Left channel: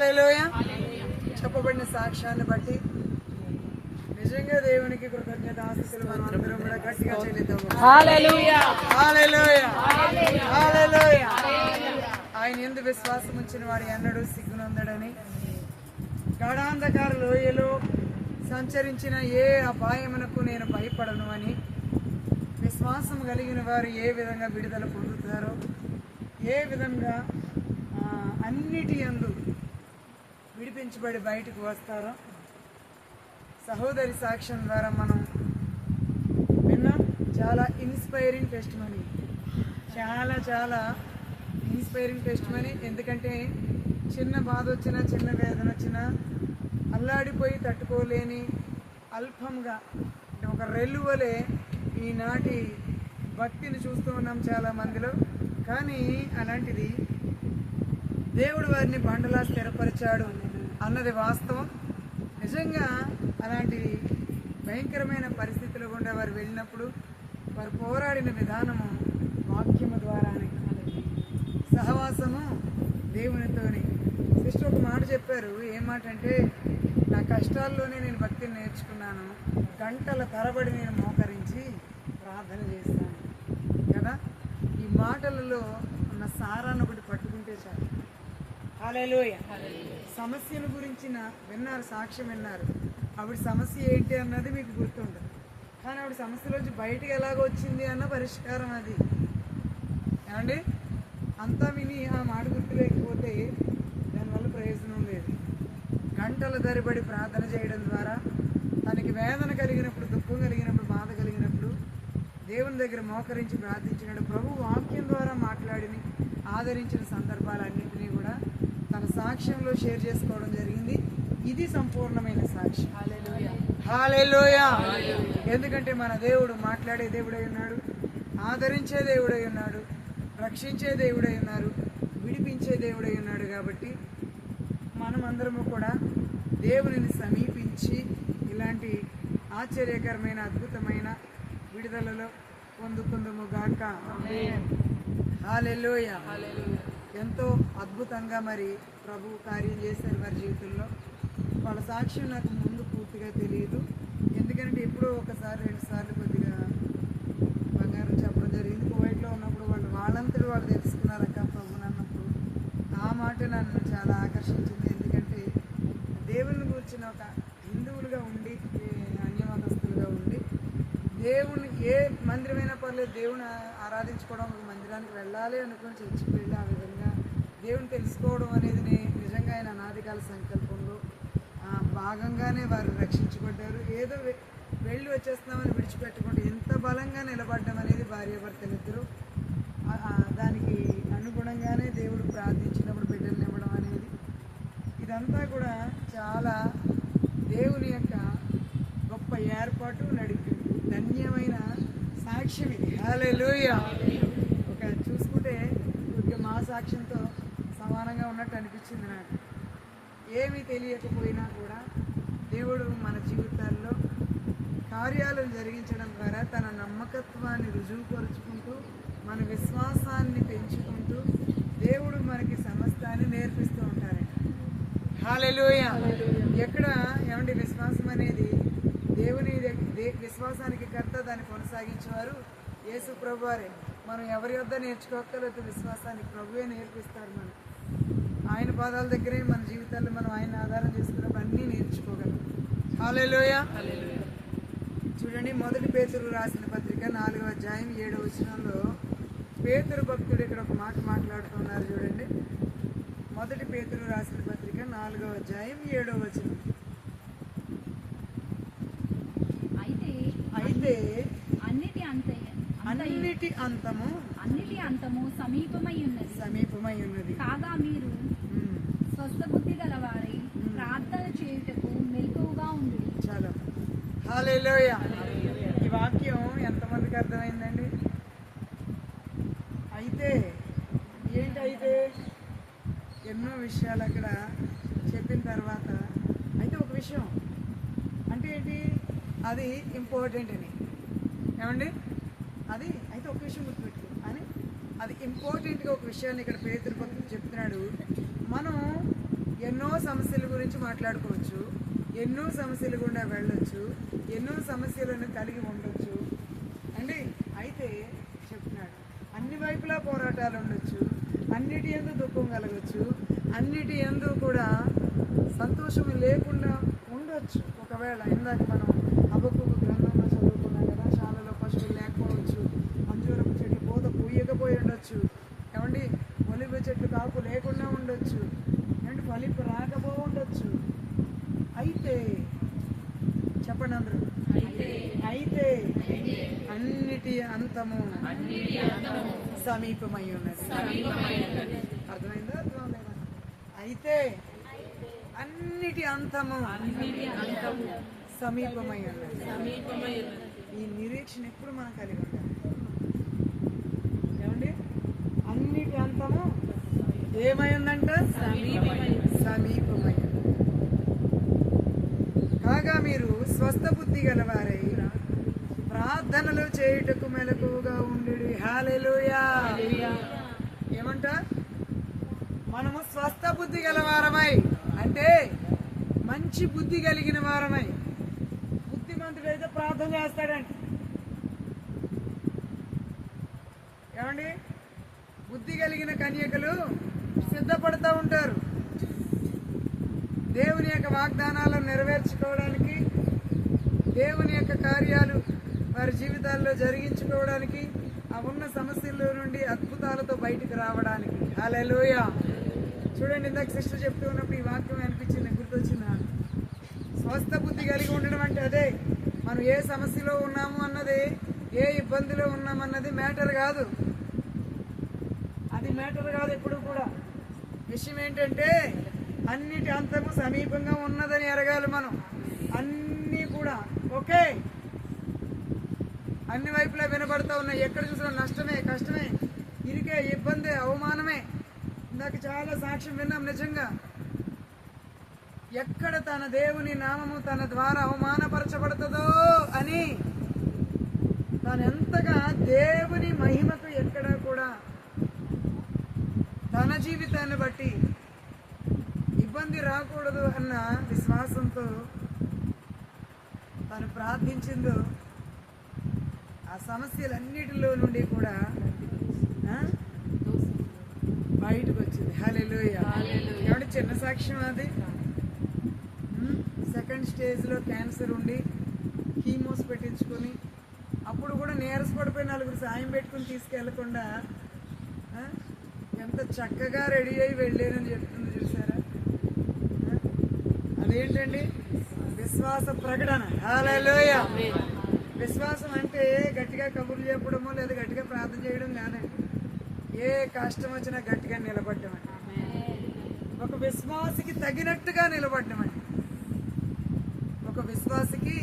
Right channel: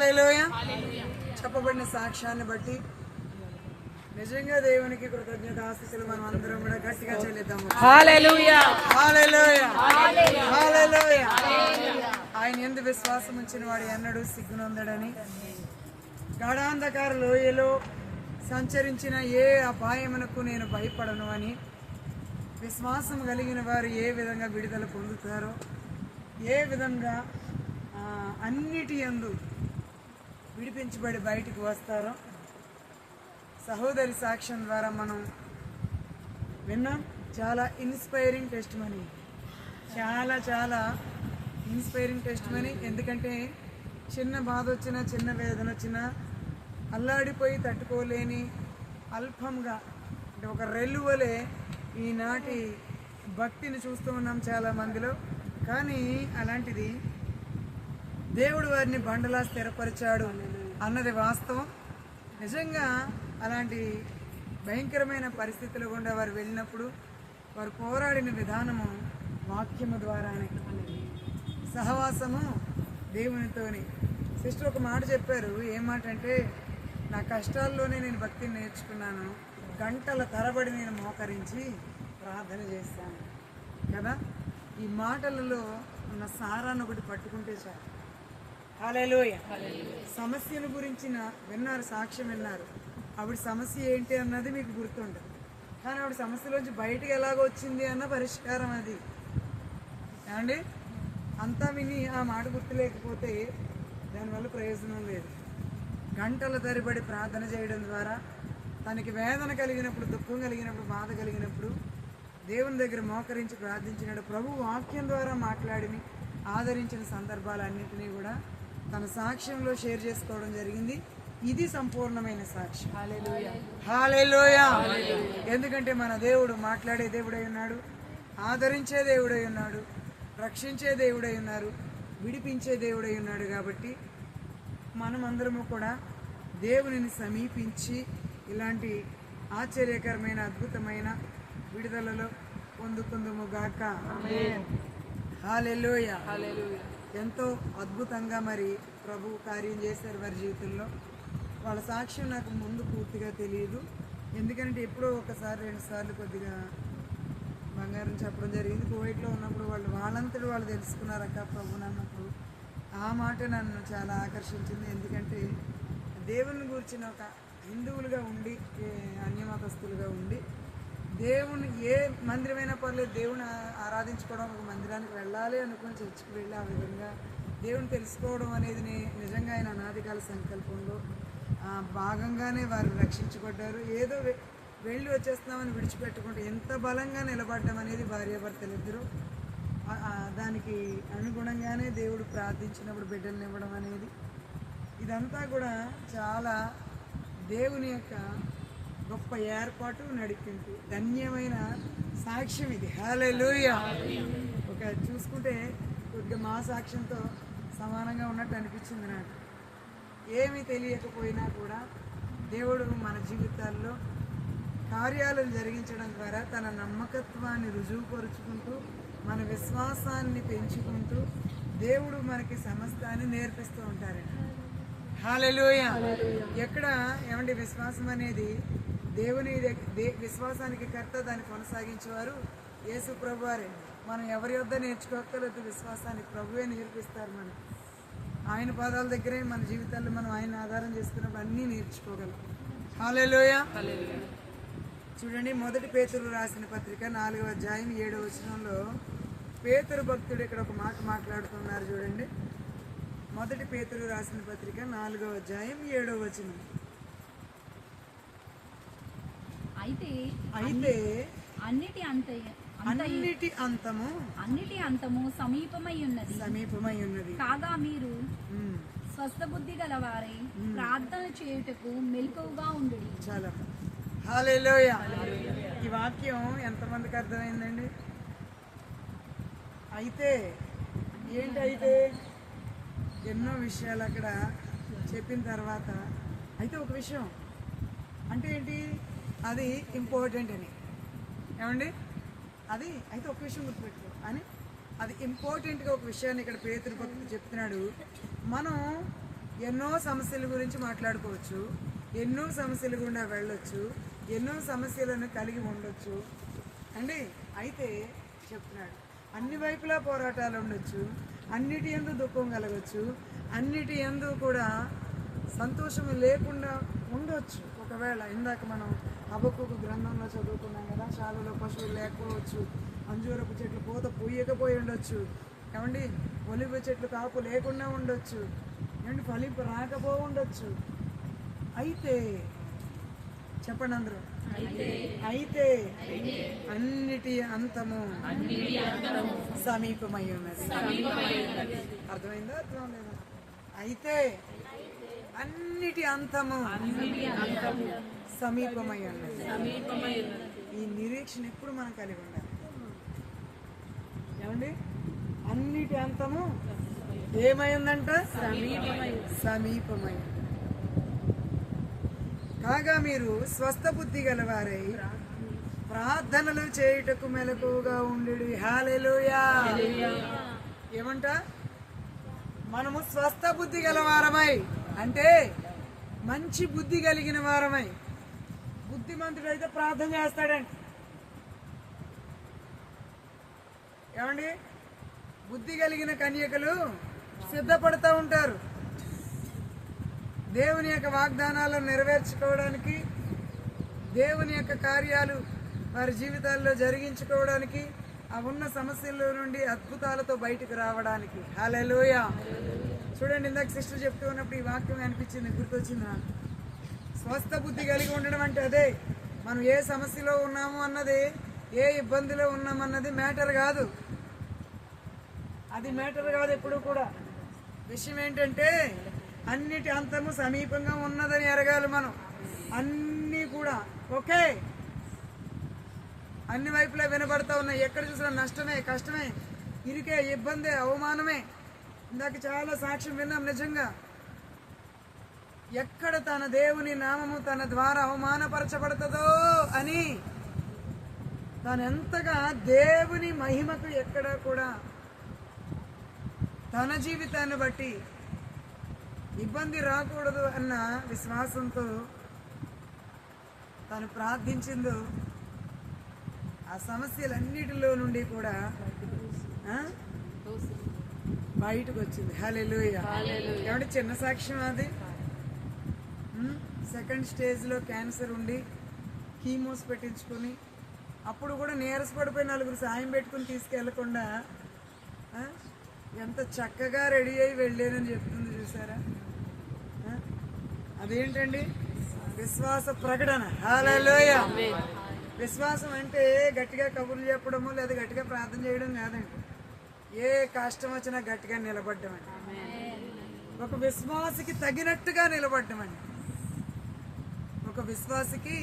హల్లెలూయా. చెప్పబడిన సాక్ష్యాన్ని బట్టి నిజంగా దేవునికి కృతజ్ఞతాస్తుతులు మనం అందరం కూడా గట్టిగా చెల్లిద్దాము. హల్లెలూయా, హల్లెలూయా, హల్లెలూయా. ఆయన యందు విశ్వాసం ఉంచిన వాడు ఎన్నడూ సిగ్గునందడని, గాఢాంధకార లోయలో సంచరించిన ఏ అపాయమునకు నేను భయపడను అని విశ్వాసం కలిగిన వారు ఏ విధంగా విడుదల పొందుతారో, ఏ విధంగా అన్నిటి యందు విడిపించబడి బయటకు వస్తారో సహోదరి సాక్ష్యం ద్వారా మనం విన్నాం. చాలా ఇన్స్పైరింగ్ టెస్ట్ మనీ, చాలా చాలా ఇన్స్పైరింగ్ టెస్ట్ మనీ. ఎందుకంటే చిన్న బాధ వచ్చినా, చిన్న వేదన వచ్చినా అల్లాడిపోయి తట్టుకోలేని అల్పంగా అంటే ఒక రెల్లువలే ఈనాటి భక్తిని చూస్తూ ఉన్నాం చాలా మందిలో. కానీ అలాంటిది దేవుడు వారిని బండలా స్థిరపరిచాడు అన్నది వాస్తవం. నిజంగా అలాంటి భయంకరమైన పరిస్థితులు గుండా వారు వెళ్ళినప్పుడు వారు పోరాడిన విధానము వాక్యము ద్వారానే, సహవాసము దేవునితోని. సిస్టర్ ఒక మాట చెప్పారు. ఏం మాట అంటే, నా కష్టాల్లోనే నేను భక్తిని నేర్చుకున్నాను, గంటల తరబడి నేను మోకరించి ప్రార్థన చేస్తాను కదా. ఈ మాటలలో ఉన్న సారాన్ని ఒకటి పట్టుకుంటే చాలు. హల్లెలూయా. సమస్యను గురించిన విన్నారు, సాక్ష్యం విన్నారు. ఆవిడ సమస్య ఏంటి అన్నది మీకు గుర్తుండదు, కానీ ఆవిడ సమస్యలోంచి బయటకు ఎలాగో వచ్చింది అన్న పరిష్కారం అది. ఏమండి, అంతా విని ఆ మాట గుర్తులేకపోతే దానివల్ల ప్రయోజనం లేదు. గంటల తరబడి ప్రార్థన చేయడం ద్వారా తనకి వేదన కలిగినప్పుడు, దుఃఖం కలిగినప్పుడు, బాధ కలిగినప్పుడు దేవుని దగ్గర మోకరించి ప్రార్థించినాడు. ప్రభు వాక్యం ద్వారా మాట్లాడిని ఆదరించిన సందర్భాలన్నింటినీ కూడా తన సాక్ష్యంలో షేర్ చేసుకోవడం జరిగింది. ఇది సంపూర్ణమైన సాక్ష్యం. హల్లెలూయా, హల్లెలూయా. ఎందుకంటే మన దేవుడు మాట్లాడే దేవుడై ఉన్నాడు, ఆదరించే దేవుడై ఉన్నాడు, రక్షించే దేవుడై ఉన్నారు, విడిపించే దేవుడై ఉన్నాడు. కాబట్టి మనమందరము కూడా దేవునిని సమీపించి ఇలాంటి ఆశ్చర్యకరమైన అద్భుతమైన విడుదలలో పొందుకుందుము గాక. హల్లెలూయా. ఎంతో అద్భుతంగా మరి ప్రభు కార్యం చేశారు వారి జీవితంలో. వాళ్ళ సాక్ష్యం నాకు ముందు పూర్తిగా తెలియదు, ఎందుకంటే ఎప్పుడో ఒకసారి 2 సార్లు కొద్దిగా బంగారం చెప్పడం జరిగింది. కువైట్లో ఉన్నప్పుడు వాళ్ళంతటి వాళ్ళు తెలుసుకున్నారు అక్క ప్రభుని అన్నప్పుడు. ఆ మాట నన్ను చాలా ఆకర్షించింది. ఎందుకంటే దేవుని గురించిన ఒక హిందువులుగా ఉండి, అన్యమతస్తులుగా ఉండి, దేవుని ఏ మందిరమైనా పర్లేదు, దేవుని ఆరాధించుకోవడం, ఒక మందిరానికి వెళ్ళాలి అనుకుని చర్చికి వెళ్ళి ఆ విధంగా దేవుని తెలుసుకోవడం అనేది నిజంగా ఆయన అనాదికాల సంకల్పంలో భాగంగానే వారు రక్షించబడ్డారు. ఏదో వెళ్ళి వచ్చేస్తున్నామని విడిచిపెట్టుకుంటే ఎంత బలంగా నిలబడ్డం అనేది భార్యాభర్తలిద్దరూ దానికి అనుగుణంగానే దేవుడు ప్రార్థించినప్పుడు బిడ్డలను ఇవ్వడం అనేది, ఇదంతా కూడా చాలా దేవుని యొక్క గొప్ప ఏర్పాటు, నడిపింపు, ధన్యమైన సాక్ష్యం ఇది. హల్లెలూయా. ఒక చూసుకుంటే కొద్దిగా మా సాక్ష్యంతో సమానంగా ఉన్నట్టు అనిపించింది నాకు. ఏమీ తెలియకపోయినా కూడా దేవుడు మన జీవితాల్లో కార్యాలను జరిగించడం ద్వారా తన నమ్మకత్వాన్ని రుజువుపరుచుకుంటూ, మన విశ్వాసాన్ని పెంచుకుంటూ దేవుడు మనకి సమస్తాన్ని నేర్పిస్తూ ఉంటారండి. హల్లెలూయా. ఎక్కడ ఏమండి, విశ్వాసం అనేది దేవుని విశ్వాసానికి కర్త, దాన్ని కొనసాగించేవారు యేసు ప్రభు వారే. మనం ఎవరి వద్ద నేర్చుకోగలదు, విశ్వాసానికి ప్రభువే నేర్పిస్తారు. మనం ఆయన పాదాల దగ్గరే మన జీవితాల్లో మనం ఆయన ఆధారం చేసుకున్నప్పుడు అన్నీ నేర్చుకోగలం. హల్లెలూయా. చూడండి, 1 పేతురు రాసిన పత్రిక 4వ అధ్యాయం 7వ వచనంలో పేతురు భక్తుడు ఇక్కడ ఒక మాట మాట్లాడుతున్నారు. చూడండి, 1 పేతురు రాసిన పత్రిక 4వ అధ్యాయం 7వ వచనం. అయితే అన్నిటి అంతము సమీపమై ఉన్నది కాగా మీరు స్వస్థ బుద్ధి గలవారై ప్రార్థన చేయుటకు మెలకువగా ఉండుడి. చాలా. హల్లెలూయా. ఈ వాక్యం ఎంతమందికి అర్థమైందండి? అయితే ఏంటైతే ఎన్నో విషయాలు అక్కడ చెప్పిన తర్వాత అయితే ఒక విషయం అంటే ఏంటి, అది ఇంపార్టెంట్ అని. ఏమండి, అది అయితే ఒక విషయం గుర్తుపెట్టుకో అని, అది ఇంపార్టెంట్గా ఒక విషయాన్ని ఇక్కడ పేతురు భక్తుడు చెప్తున్నాడు. మనం ఎన్నో సమస్యల గురించి మాట్లాడుకోవచ్చు, ఎన్నో సమస్యల గుండా వెళ్ళొచ్చు, ఎన్నో సమస్యలను కలిగి ఉండొచ్చు అండి. అయితే చెప్తున్నాడు అన్ని వైపులా పోరాటాలు ఉండొచ్చు, అన్నిటి యందు దుఃఖం కలగచ్చు, అన్నిటి యందు కూడా సంతోషం లేకుండా ఉండొచ్చు. ఒకవేళ ఇందాక మనం హబక్కూకు గ్రంథంలో చదువుకున్నాం కదా, శాలలో పశువులు లేకపోవచ్చు, అంజూరపు చెట్లు పూత పూయకపోయి ఉండొచ్చు, ఏమండి ఒలివ చెట్లు కాపు లేకుండా ఉండొచ్చు, ఏమంటే ఫలింపు రాకపో ఉండొచ్చు. అయితే చెప్పండి అందరూ, అయితే అన్నిటి అంతము సమీపమై ఉన్నది. అర్థమైందా? అర్థం లేదా? అయితే అన్నిటి అంతము సమీపమై ఉన్నది. ఈ నిరీక్షణ ఎప్పుడు మనం కలిగి ఉండాలి. ఏమండి అన్నిటి అంతము ఏమై ఉందంట? సమీపమై ఉన్నది. కాగా మీరు స్వస్థ బుద్ధి గలవారై ప్రార్థనలు చేయుటకు మెలకువగా ఉండుడి. హల్లెలూయా. ఏమంట? మనము స్వస్థ బుద్ధి గలవారమై అంటే మంచి బుద్ధి కలిగిన వారమై. బుద్ధిమంతుడైతే ప్రార్థన చేస్తాడండి. ఏమండి బుద్ధి కలిగిన కన్యకలు సిద్ధపడుతూ ఉంటారు దేవుని యొక్క వాగ్దానాలను నెరవేర్చుకోవడానికి, దేవుని యొక్క కార్యాలు వారి జీవితాల్లో జరిగించుకోవడానికి, ఆ ఉన్న సమస్యల్లో నుండి అద్భుతాలతో బయటికి రావడానికి. హల్లెలూయా. చూడండి, ఇందాక సిస్టర్ చెప్తూ ఉన్నప్పుడు ఈ వాక్యం అనిపించింది, గుర్తొచ్చింది నాకు. స్వస్థ బుద్ధి కలిగి ఉండడం అంటే అదే. మనం ఏ సమస్యలో ఉన్నాము అన్నది, ఏ ఇబ్బందిలో ఉన్నామన్నది మ్యాటర్ కాదు. అది మ్యాటర్ కాదు ఎప్పుడు కూడా. విషయం ఏంటంటే అన్నిటి అంతము సమీపంగా ఉన్నదని ఎరగాలి మనం. అన్నీ కూడా ఓకే, అన్ని వైపులా వినబడతా ఉన్నాయి. ఎక్కడ చూసినా నష్టమే, కష్టమే, ఇరికే, ఇబ్బందే, అవమానమే. ఇందాక చాలా సాక్ష్యం విన్నాం. నిజంగా ఎక్కడ తన దేవుని నామము తన ద్వారా అవమానపరచబడుతుందో అని తాను ఎంతగా దేవుని మహిమకు ఎక్కడ కూడా తన జీవితాన్ని బట్టి ఇబ్బంది రాకూడదు అన్న విశ్వాసంతో తాను ప్రార్థించిందో ఆ సమస్యలన్నిటిలో నుండి కూడా బయటకు వచ్చింది. హల్లెలూయా. కాబట్టి చిన్న సాక్ష్యం అది. సెకండ్ స్టేజ్లో క్యాన్సర్ ఉండి కీమోస్ పెట్టించుకొని అప్పుడు కూడా నీరసపడిపోయి నలుగురు సాయం పెట్టుకుని తీసుకెళ్లకుండా ఎంత చక్కగా రెడీ అయి వెళ్ళానని చెప్తుంది. చూసారా? అదేంటండి? విశ్వాస ప్రకటన. హల్లెలూయా. విశ్వాసం అంటే గట్టిగా కబుర్లు చెప్పడము లేదా గట్టిగా ప్రార్థన చేయడం కాదండి. ఏ కష్టం వచ్చినా గట్టిగా నిలబడ్డమండి. ఒక విశ్వాసికి తగినట్టుగా నిలబడ్డమండి. ఒక విశ్వాసికి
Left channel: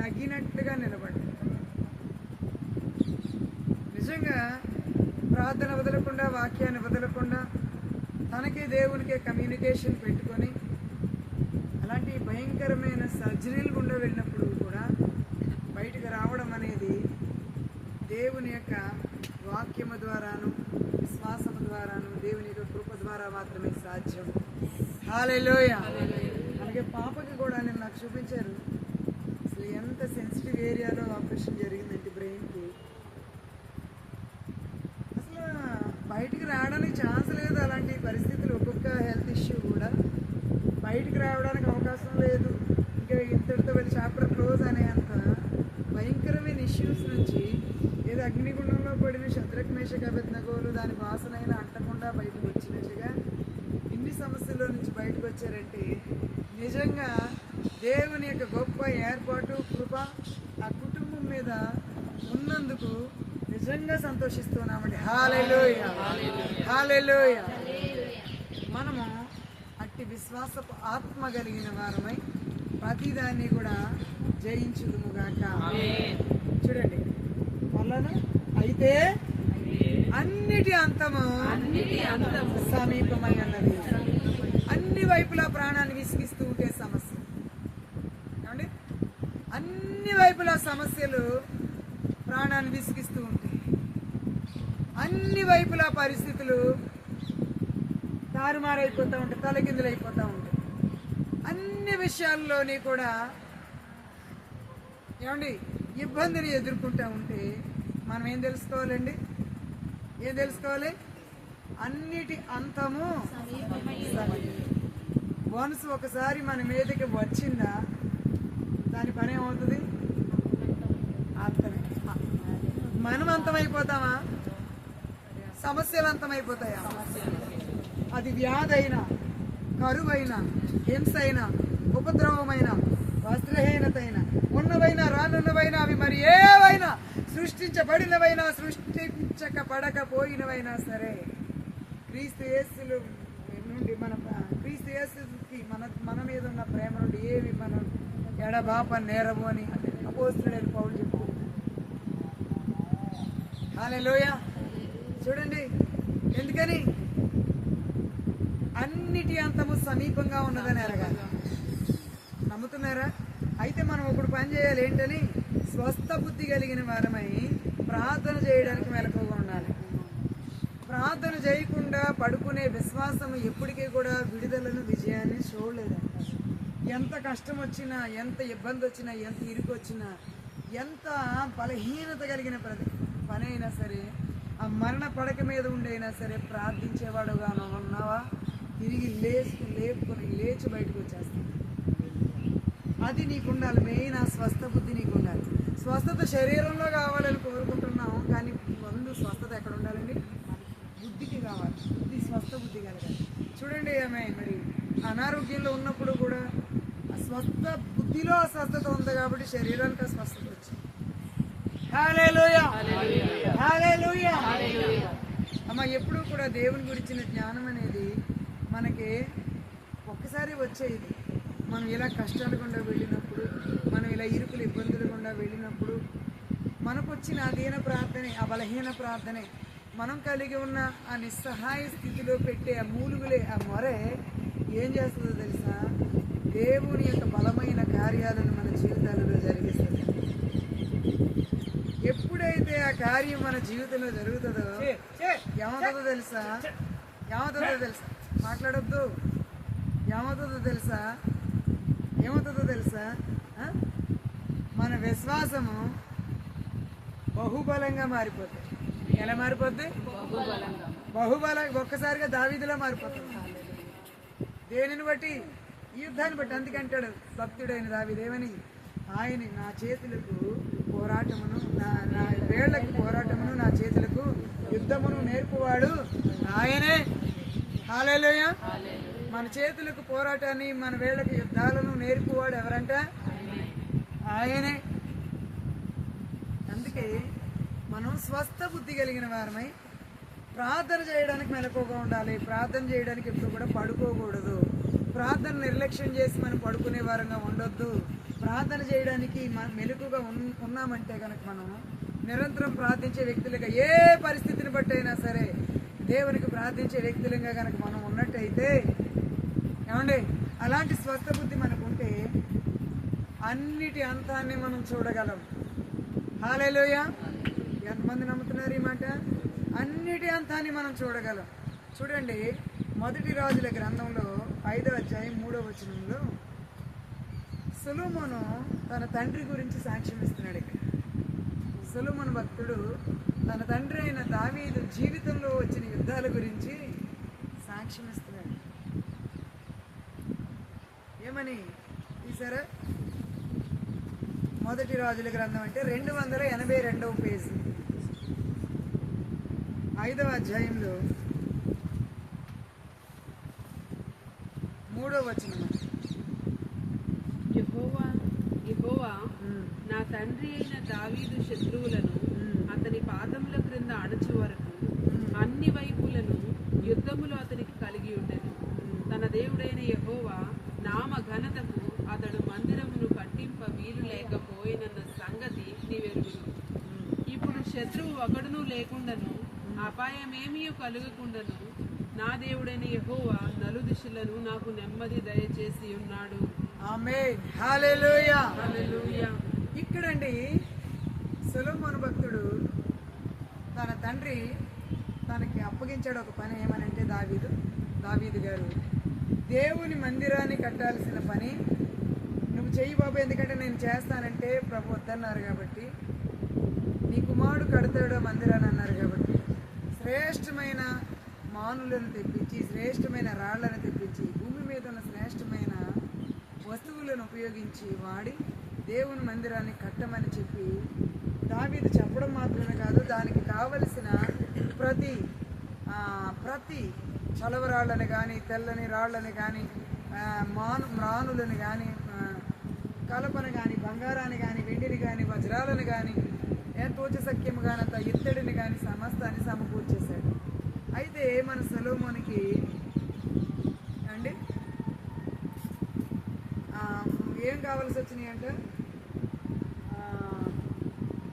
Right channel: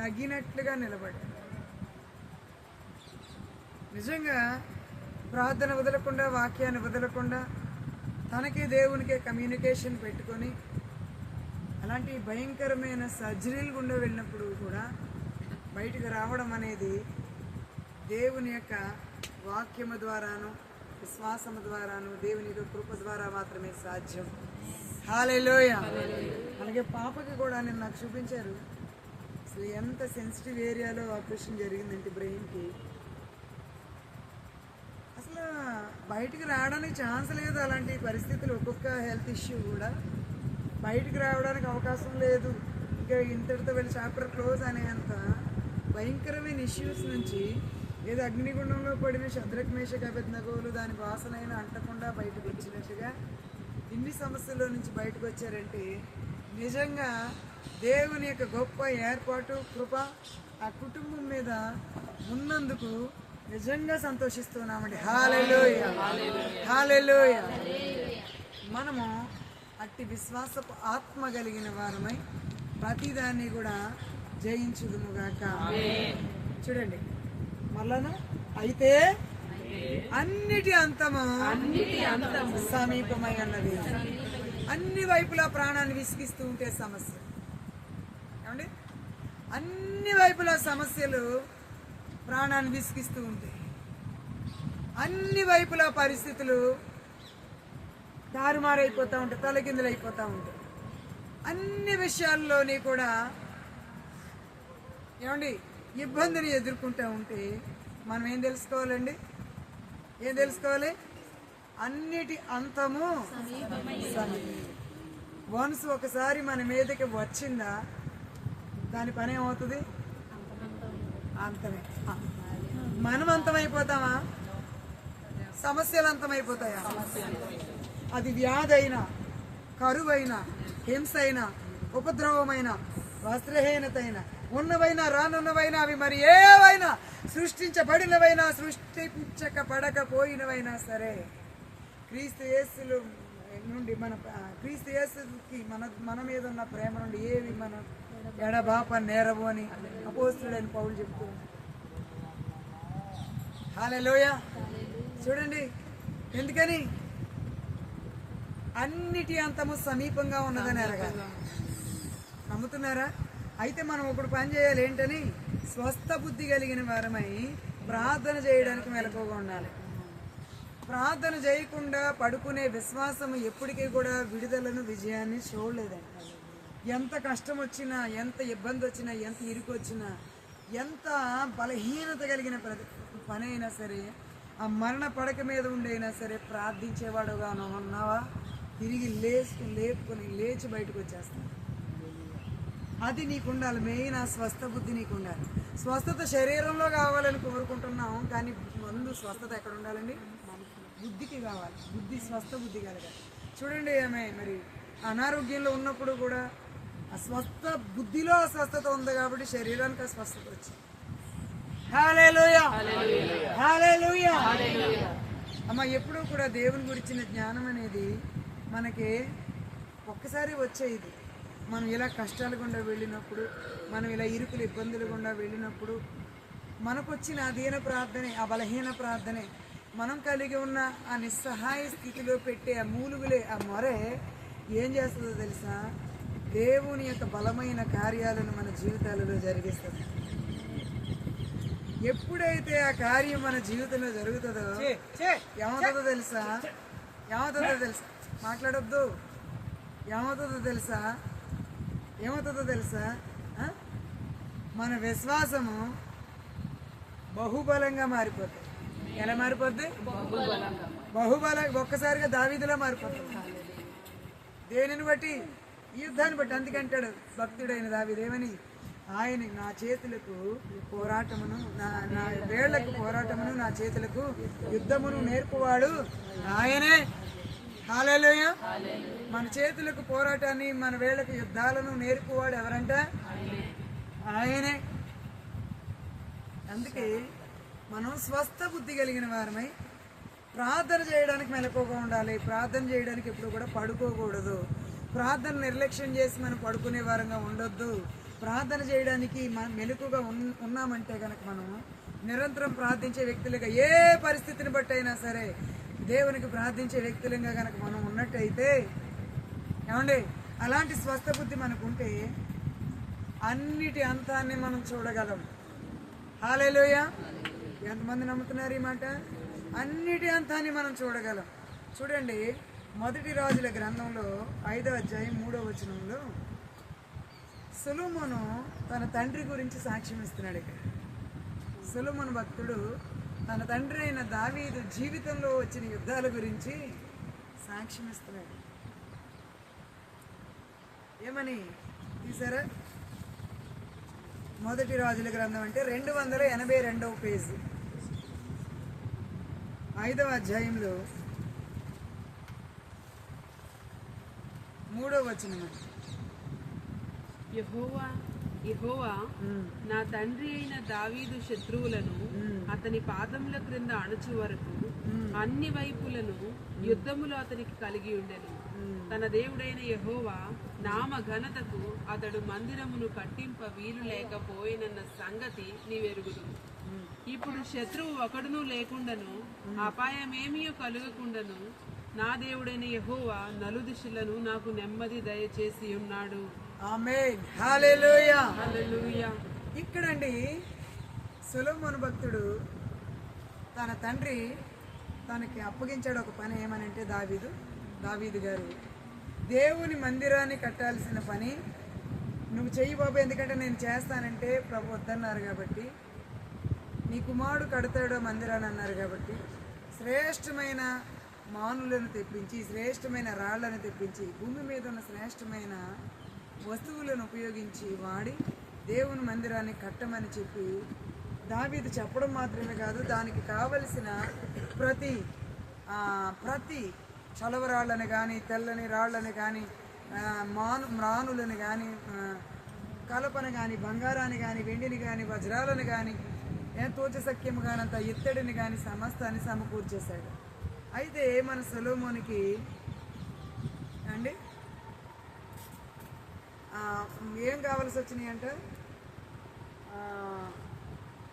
తగినట్టుగా నిలబడ్డం. నిజంగా ప్రార్థన వదలకుండా, వాక్యాన్ని వదలకుండా, తనకి దేవునికి కమ్యూనికేషన్ పెట్టుకొని అలాంటి భయంకరమైన సర్జరీలు గుండా వెళ్ళినప్పుడు కూడా బయటకు రావడం అనేది దేవుని యొక్క వాక్యము ద్వారాను, విశ్వాసము ద్వారాను, దేవుని యొక్క కృప ద్వారా మాత్రమే సాధ్యం. హల్లెలూయా. అలాగే పాపకి కూడా నేను నాకు చూపించారు. అసలు ఎంత సెన్సిటివ్ ఏరియాలో ఆపరేషన్ జరిగిందంటే బ్రెయిన్కి, అసలు బయటికి రావడానికి ఛాన్స్ లేదు. అలాంటి పరిస్థితులు ఒక్కొక్క హెల్త్ ఇష్యూ కూడా బయటికి రావడానికి అవకాశం లేదు. ఇంకా ఇంతటితో వెళ్ళి చాప్టర్ క్లోజ్ అనేంత భయంకరమైన ఇష్యూస్ నుంచి ఏదో అగ్నిగుండంలో పడిన శద్రక్ మేషక్ అబేద్నెగోలు దాని వాసనైనా అంటకుండా బయటకు వచ్చినట్టుగా ఇన్ని సమస్యల్లో నుంచి బయటకు వచ్చారంటే నిజంగా దేవుని యొక్క గొప్ప ఏర్పాటు, కృప ఆ కుటుంబం మీద ఉన్నందుకు నిజంగా సంతోషిస్తున్నామండి. హల్లెలూయా. హల్లెలూయా. మనము అట్టి విశ్వాసపు ఆత్మ కలిగిన వారమై ప్రతిదాన్ని కూడా జయించుదుముగాక. చూడండి మళ్ళాను, అయితే అన్నిటి అంతము సమీపమై ఉన్నది. అన్ని వైపులా ప్రాణాన్ని విసిగిస్తూ ఉంటే సమస్య. ఏమండి? అన్ని వైపులా సమస్యలు ప్రాణాన్ని విసిగిస్తూ ఉంటాయి. అన్ని వైపులా పరిస్థితులు తారుమారైపోతూ ఉంటాయి, తలకిందులు అయిపోతూ ఉంటాయి. అన్ని విషయాల్లోని కూడా ఏమండి ఇబ్బందిని ఎదుర్కొంటూ ఉంటే మనం ఏం తెలుసుకోవాలండి? ఏం తెలుసుకోవాలి? అన్నిటి అంతము వన్స్ ఒకసారి మన మీదకి వచ్చిందా దాని పని ఏమవుతుంది? అంతమే. మనం అంతమైపోతామా? సమస్యలు అంతమైపోతాయా? అది వ్యాధి అయినా, కరువైనా, హింస అయినా, ఉపద్రవమైన, వస్త్రహీనత అయినా, ఉన్నవైనా రానున్నవైనా, అవి మరి ఏవైనా, సృష్టించబడినవైనా సృష్టించకపోయినవైనా సరే, క్రీస్తు యేసులో నుండి క్రీస్తు యేసుకి మన మీద ఉన్న ప్రేమ నుండి ఏవి మనం ఎడబాప నేరవు అని అపోస్తుడైన పౌలు చెప్తుంది. హల్లెలూయా. చూడండి, ఎందుకని? అన్నిటి అంతము సమీపంగా ఉన్నదని ఎరగాలి. నమ్ముతున్నారా? అయితే మనం ఒకటి పని చేయాలి. ఏంటని? స్వస్థ బుద్ధి కలిగిన వారమై ప్రార్థన చేయడానికి మెలకువగా ఉండాలి. ప్రార్థన చేయకుండా పడుకునే విశ్వాసం ఎప్పటికీ కూడా విడుదలను, విజయాన్ని చూడలేదండి. ఎంత కష్టం వచ్చినా, ఎంత ఇబ్బంది వచ్చినా, ఎంత ఇరుకు వచ్చినా, ఎంత బలహీనత కలిగిన పని అయినా సరే, ఆ మరణ పడక మీద ఉండైనా సరే ప్రార్థించేవాడుగా ఉన్నావా? తిరిగి లేచి బయటకు వచ్చేస్తాను. అది నీకు ఉండాలి. మెయిన్ ఆ స్వస్థ బుద్ధి నీకు ఉండాలి. స్వస్థత శరీరంలో కావాలని కోరుకుంటున్నాం, కానీ ముందు స్వస్థత ఎక్కడ ఉండాలండి? బుద్ధికి కావాలి. స్వస్థ బుద్ధి కలగాలి. చూడండి, ఆమె మరి అనారోగ్యంలో ఉన్నప్పుడు కూడా ఆ స్వస్థ బుద్ధిలో అస్వస్థత ఉంది కాబట్టి శరీరానికి ఆ స్వస్థత వచ్చింది. హల్లెలూయా, హల్లెలూయా. అమ్మ, ఎప్పుడూ కూడా దేవుని గురించిన జ్ఞానం అనేది మనకి ఒక్కసారి వచ్చేది. మనం ఇలా కష్టాలు గుండా వెళ్ళినప్పుడు, మనం ఇలా ఇరుకులు ఇబ్బందులు గుండా వెళ్ళినప్పుడు మనకు వచ్చిన ఆ దీన ప్రార్థనే, ఆ బలహీన ప్రార్థనే, మనం కలిగి ఉన్న ఆ నిస్సహాయ స్థితిలో పెట్టే ఆ మూలుగులే, ఆ మొరే ఏం చేస్తుందో తెలుసా? దేవుని యొక్క బలమైన కార్యాలను మన జీవితాలలో జరిగిస్తుంది. ఎప్పుడైతే ఆ కార్యం మన జీవితంలో జరుగుతుందో ఏమవుతుందో తెలుసా? మాట్లాడొద్దు. ఏమవుతుందో తెలుసా? మన విశ్వాసము బహుబలంగా మారిపోతుంది. ఎలా మారిపోద్ది? బహుబలంగా. ఒక్కసారిగా దావీదులా మారిపోతుంది. దేనిని బట్టి? ఈ యుద్ధాన్ని బట్టి. అందుకంటాడు భక్తుడైన దావీదు ఏమని? ఆయన నా చేతులకు పోరాటమును, నా వేళ్లకు పోరాటమును, నా చేతులకు యుద్ధమును నేర్పువాడు ఆయనే. హల్లెలూయా. మన చేతులకు పోరాటాన్ని, మన వేళ్లకు యుద్ధాలను నేర్పువాడు ఎవరంట? ఆయనే. అందుకే మనం స్వస్థ బుద్ధి కలిగిన వారమై ప్రార్థన చేయడానికి మెలకువగా ఉండాలి. ప్రార్థన చేయడానికి ఎప్పుడు కూడా పడుకోకూడదు. ప్రార్థన నిర్లక్ష్యం చేసి మనం పడుకునే వారంగా ఉండొద్దు. ప్రార్థన చేయడానికి మెలకుగా ఉన్నామంటే కనుక మనం నిరంతరం ప్రార్థించే వ్యక్తులుగా, ఏ పరిస్థితిని బట్టి అయినా సరే దేవునికి ప్రార్థించే వ్యక్తులుగా కనుక మనం ఉన్నట్టయితే, ఏమండి, అలాంటి స్వస్థ బుద్ధి మనకు ఉంటే అన్నిటి అంతాన్ని మనం చూడగలం. హల్లెలూయా. ఎంతమంది నమ్ముతున్నారు ఈ మాట? అన్నిటి అంతాన్ని మనం చూడగలం. చూడండి, మొదటి రాజుల గ్రంథంలో 5వ అధ్యాయం 3వ వచనంలో సొలొమోను తన తండ్రి గురించి సాక్ష్యం ఇస్తున్నాడు. ఇక్కడ సొలొమోను భక్తుడు తన తండ్రి అయిన దావీదు జీవితంలో వచ్చిన యుద్ధాల గురించి సాక్ష్యం ఇస్తున్నాడు. ఏమని తీసారా? మొదటి రాజుల గ్రంథం అంటే 282వ పేజీ, 5వ అధ్యాయంలో 3వ వచనం. యెహోవా నా తండ్రి అయిన దావీదు శత్రువులను అతని పాదముల క్రింద అణచు వరకు అన్ని వైపులను యుద్ధములు అతనికి కలిగి ఉండేది. తన దేవుడైన యెహోవా నామ ఘనతకు అతడు మందిరమును కట్టింప వీలు లేకపోయినన్న సంగతి నీవెరుగుదు. ఇప్పుడు శత్రువు ఒకడును లేకుండాను, అపాయమేమీ కలుగకుండాను నా దేవుడైన యెహోవా నలుదిశలను నాకు నెమ్మది దయచేసి ఉన్నాడు. ఆమేన్. హల్లెలూయా. హల్లెలూయా. ఇక్కడండి సొలొమోను భక్తుడు తన తండ్రి తనకి అప్పగించాడు ఒక పని. ఏమనంటే, దావీదు దావీదు గారు, దేవుని మందిరాన్ని కట్టాల్సిన పని నువ్వు చెయ్యి బాబు, ఎందుకంటే నేను చేస్తానంటే ప్రభు వద్దన్నారు కాబట్టి, నీ కుమారుడు కడతాడు మందిరాన్ని అన్నారు కాబట్టి, శ్రేష్టమైన మానులను తెప్పించి, శ్రేష్టమైన రాళ్లను తెప్పించి, భూమి మీద ఉన్న శ్రేష్టమైన వస్తువులను ఉపయోగించి వాడి దేవుని మందిరాన్ని కట్టమని చెప్పి దావీదు చెప్పడం మాత్రమే కాదు, దానికి కావలసిన ప్రతి చలవరాళ్ళని కానీ, తెల్లని రాళ్ళని కానీ, మ్రానులను కానీ, కలపను కానీ, బంగారాన్ని కానీ, వెండిని కానీ, వజ్రాలను కానీ, తోచసఖ్యము కానంత ఇత్తడిని కానీ సమస్తాన్ని సమకూర్చేశాడు. అయితే మన సొలొమోనుకి అండి ఏం కావాల్సి వచ్చినాయి అంటే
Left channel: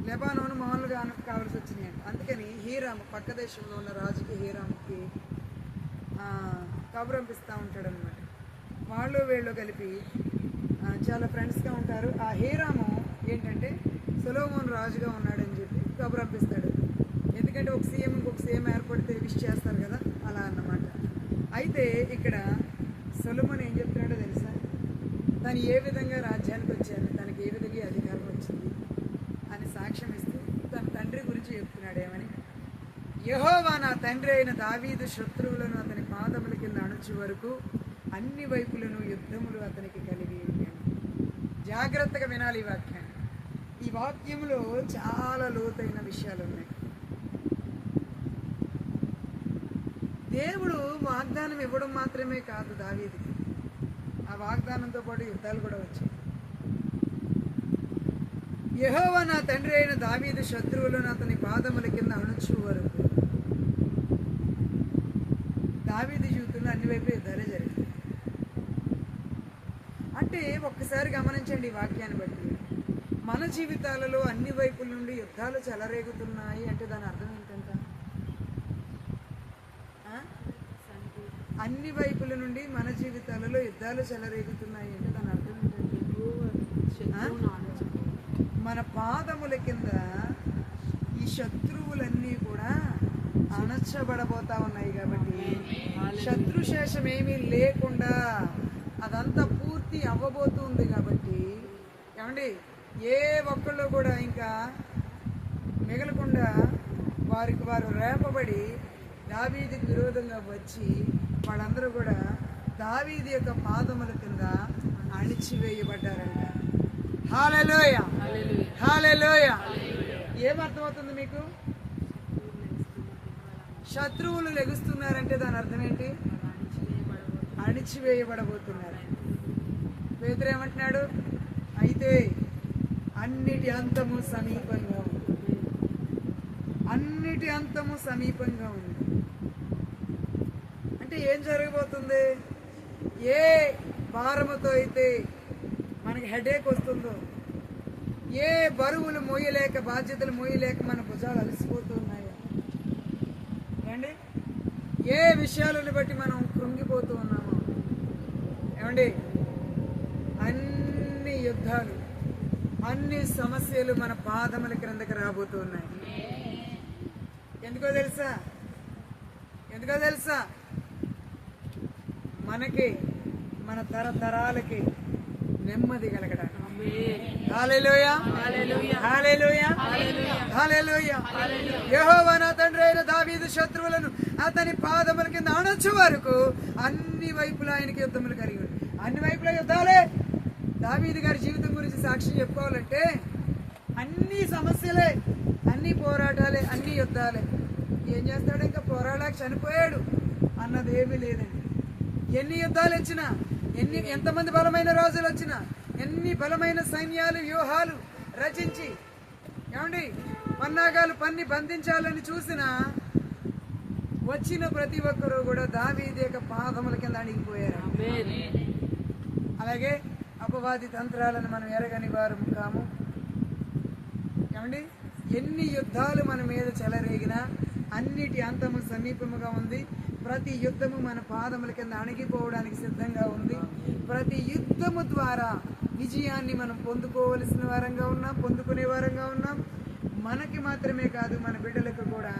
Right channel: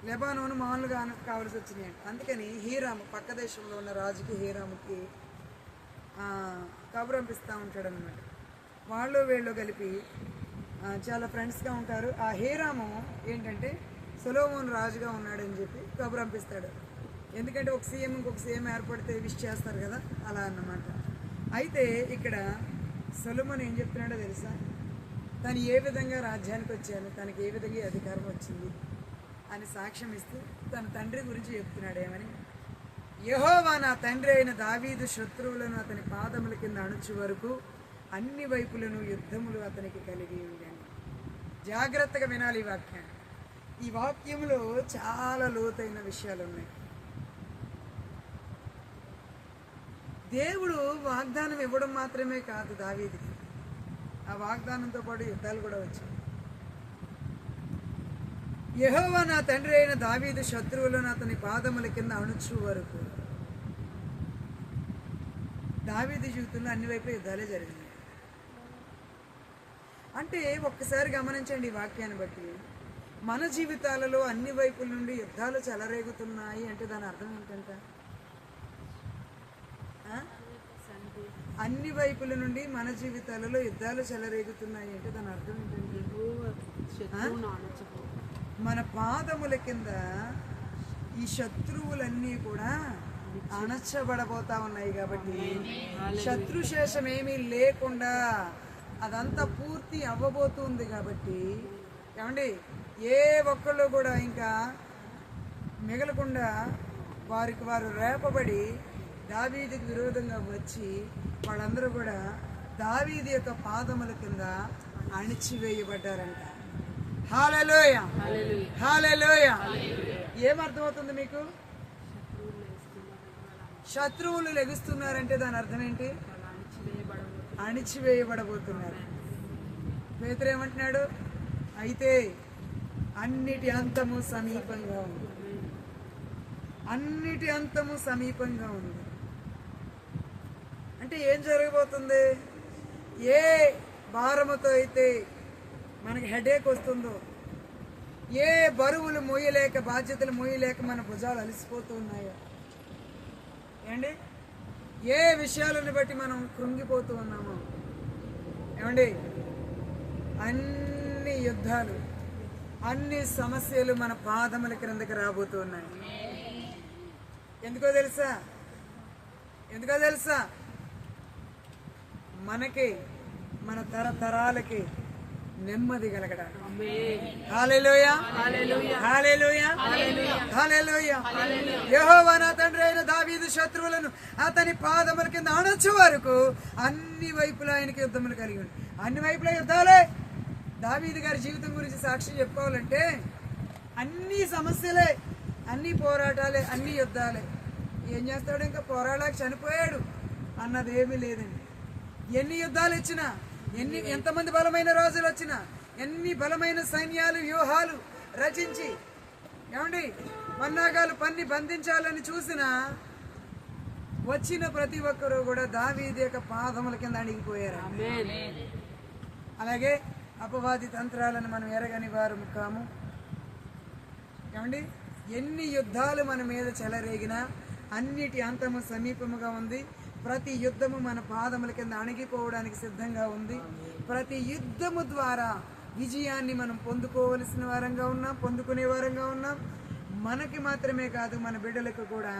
లెబానోను మామూలుగా కావాల్సి వచ్చినాయి అంట. అందుకని హీరాము, పక్క దేశంలో ఉన్న రాజుకి హీరాముకి కబురు పంపిస్తూ ఉంటాడు అనమాట. వాళ్ళు వీళ్ళు కలిపి చాలా ఫ్రెండ్స్గా ఉంటారు. ఆ హీరాము ఏంటంటే సొలొమోను రాజుగా ఉన్నాడని చెప్పి కబురు పంపిస్తాడు. ఎందుకంటే ఒక సీఎం ఇంకొక సీఎం ఏర్పడితే విష్ చేస్తారు కదా, అలా అన్నమాట. అయితే ఇక్కడ సొలొమోను ఏం చెప్తున్నాడో తెలుసా? తను ఏ విధంగా రాజ్యానికి వచ్చాను, తనకి ఏ విధంగా అధికారం వచ్చింది అని సాక్ష్యం ఇస్తూ తన తండ్రి గురించి చెప్తున్నాడు. ఏమని? యెహోవా నా తండ్రి అయిన దావీదు శత్రువులను అతని పాదముల కింద అణుచు వరకు అన్ని వైపులను యుద్ధములు అతనికి కలిగి ఉండాను. జాగ్రత్తగా వినాలి ఈ వాక్యాన్ని. ఈ వాక్యంలో చాలా లోతైన విషయాలు ఉన్నాయి. దేవుడు వాగ్దానం ఇవ్వడం మాత్రమే కాదు దావీదుకి, ఆ వాగ్దానంతో పాటు యుద్ధాలు కూడా వచ్చాయి. యెహోవా నా తండ్రి అయిన దావీదు శత్రువులను అతని పాదముల కింద అణుచు వరకు. దావీదు జీవితంలో అన్ని వైపులు యుద్ధాలే జరిగాయి. అంటే ఒక్కసారి గమనించండి ఈ వాక్యాన్ని బట్టి, మన జీవితాలలో అన్ని వైపుల నుండి యుద్ధాలు చెలరేగుతున్నాయి అంటే దాని అర్థం ఏంటంట? అన్ని వైపుల నుండి మన జీవితాలలో యుద్ధాలు చెలరేగుతున్నాయి అంటే దాని అర్థం ఏంటంటే మన పాదముల కింద ఈ శత్రువులన్నీ కూడా అణచబడబోతా ఉన్నాయి. కాబట్టి శత్రుశేషం ఏమీ లేకుండా అదంతా పూర్తి అవ్వబోతుంది. కాబట్టి ఏమండి, ఏ ఒక్కళ్ళు కూడా ఇంకా మిగలకుండా వారికి వారు రేపబడి దావీదుకి విరోధంగా వచ్చి వాళ్ళందరూ కూడా దావీదు యొక్క పాదముల కింద అణిచివేయబడ్డారంట. హల్లెలూయ, హల్లెలూయ. ఏమర్థమవుతుంది మీకు? శత్రువులు లెగుస్తున్నారంటే దాని అర్థం ఏంటి? అణిచివేయబడబోతున్నారు. పేతురు ఏమంటున్నాడు? అయితే అన్నిటి అంతము సమీపంగా ఉంది, అన్నిటి అంతము సమీపంగా ఉంది. అంటే ఏం జరగబోతుంది? ఏ భారముతో అయితే మనకి హెడేక్ వస్తుందో, ఏ బరువులు మోయలేక, బాధ్యతలు మోయలేక మన భుజాలు అలసిపోతూ ఉన్నాయో, ఏమండి, ఏ విషయాలను బట్టి మనం కృంగిపోతూ ఉన్నామో, ఏమండి, అన్ని యుద్ధాలు, అన్ని సమస్యలు మన పాదముల క్రిందకి రాబోతూ ఉన్నాయి. ఎందుకో తెలుసా? ఎందుకో తెలుసా? మనకి, మన తరతరాలకి నెమ్మది కలగడానికి. హల్లెలూయ, హల్లెలూయ, హల్లెలూయ. యెహోవా నా తండ్రి అయిన దావీదు శత్రువులను అతని పాదముల కింద అణచు వరకు అన్ని వైపులా ఆయనకి యుద్ధములు కలిగి ఉంది. అన్ని వైపులా యుద్ధాలే. దావీదు గారి జీవితం గురించి సాక్ష్యం చెప్పుకోవాలంటే అన్ని సమస్యలే, అన్ని పోరాటాలే, అన్ని యుద్ధాలే. ఏం చేస్తాడు? ఇంకా పోరాడాక చనిపోయాడు అన్నది ఏమీ లేదండి. ఎన్ని యుద్ధాలు వచ్చినా, ఎంతమంది బలమైన రాజులు వచ్చినా, ఎన్ని బలమైన సైన్యాలు, వ్యూహాలు రచించి, ఏమండి, పన్నాగాలు పన్ని బంధించాలని చూసినా వచ్చిన ప్రతి ఒక్కరూ కూడా దావీదు యొక్క పాదముల కింద అణిగిపోయారు. అలాగే అపవాది తంత్రాలను మనం ఎరగని వారు కాము. ఏమండి, ఎన్ని యుద్ధాలు మన మీద చెలరేగినా అన్నిటి అంతము సమీపముగా ఉంది. ప్రతి యుద్ధము మన పాదముల కింద అణిగిపోవడానికి సిద్ధంగా ఉంది. ప్రతి యుద్ధము ద్వారా విజయాన్ని మనం పొందుకోవలసిన వారంగా ఉన్నాం, పొందుకునే వారంగా ఉన్నాం. మనకి మాత్రమే కాదు, మన బిడ్డలకు కూడా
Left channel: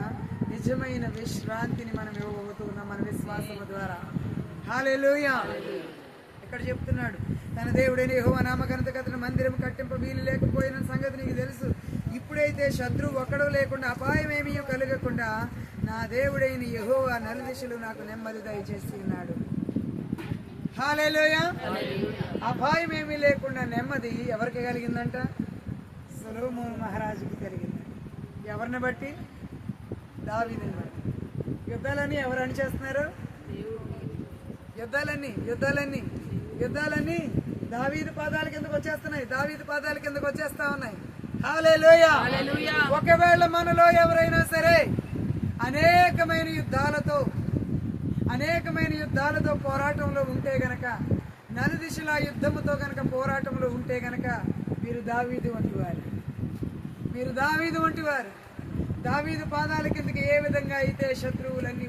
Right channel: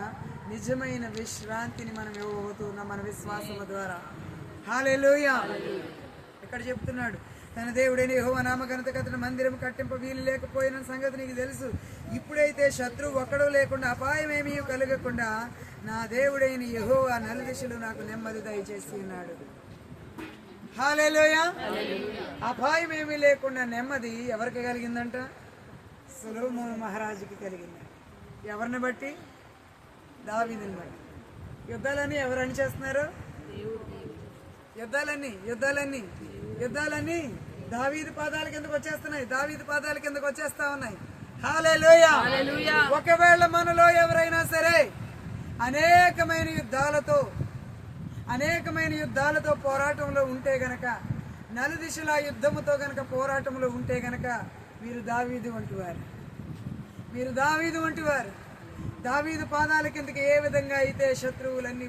నిజమైన విశ్రాంతిని మనం ఇవ్వబోతున్నాం మన విశ్వాసము ద్వారా. హల్లెలూయా. ఇక్కడ చెప్తున్నాడు, తన దేవుడైన యెహోవా నామఘనత కథన మందిరం కట్టింప వీలు లేకపోయిన సంగతి నీకు తెలుసు. ఇప్పుడైతే శత్రువు ఒక్కడూ లేకుండా అపాయమేమీ కలగకుండా నా దేవుడైన యెహోవా నలుదిశలు నాకు నెమ్మది దయచేసి ఉన్నాడు. హల్లెలూయా. అపాయమేమీ లేకుండా నెమ్మది ఎవరికి కలిగిందంట? సొలొమోను మహారాజుకి కలిగిందంట. ఎవరిని బట్టి? దావీదుని బట్టి. యుద్ధాలన్నీ ఎవరు అని చేస్తున్నారు? యుద్ధాలన్నీ దావీదు పాదాల కిందకు వచ్చేస్తున్నాయి. దావీదు పాదాల కిందకు వచ్చేస్తా ఉన్నాయి. హల్లెలూయా. ఒకవేళ మనలో ఎవరైనా సరే అనేకమైన యుద్ధాలతో పోరాటంలో ఉంటే గనక, నలుదిశల యుద్ధముతో గనక పోరాటంలో ఉంటే గనక మీరు దావీదు వంటి వారు. దావీదు పాదాల కిందకి ఏ విధంగా అయితే శత్రువులన్నీ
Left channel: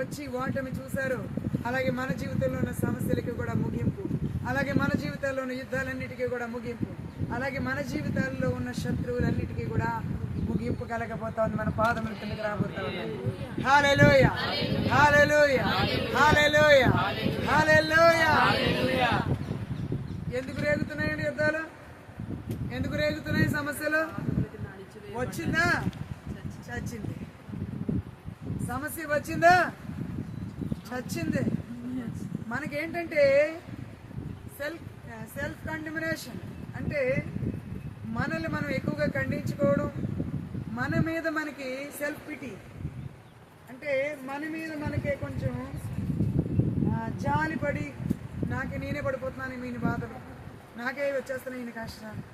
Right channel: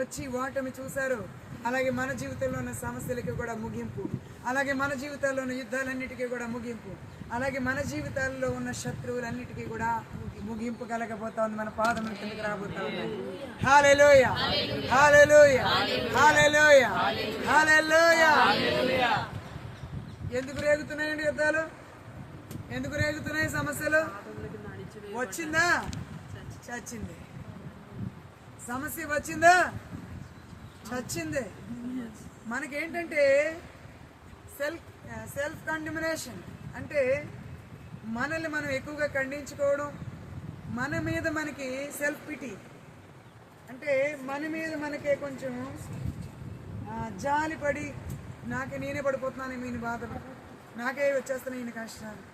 వచ్చి ఓటమి చూశారు, అలాగే మన జీవితంలో ఉన్న సమస్యలకి కూడా ముగింపు, అలాగే మన జీవితాల్లో ఉన్న యుద్ధాలన్నిటికీ కూడా ముగింపు, అలాగే మన జీవితాల్లో ఉన్న శత్రువులన్నిటికీ కూడా ముగింపు కలగబోతా ఉంది. మన పాదముల కిందకి రాబోతా ఉన్నాయి. హల్లెలూయా, హల్లెలూయా, హల్లెలూయా, హల్లెలూయా. ఎందుకు రేగుతున్నాయండి యుద్ధాలు? ఎందుకు రేగుతున్నాయి సమస్యలు? వచ్చిందా? చచ్చింది. సమస్య వచ్చిందా? చచ్చింది. మనకేంటంటే సెల్ఫ్ కండెమినేషన్ అంటే మనల్ని మనం ఎక్కువగా ఖండించుకోవడం, మన మీద మనకి సెల్ఫ్ పిటీ అంటే మన మీద మనకే కొంచెం జాలిపడి, నేనే పడిపోతున్నాను ఈయన బాధలు, నాకే వచ్చేస్తున్నాయి ఈయన కష్టాలు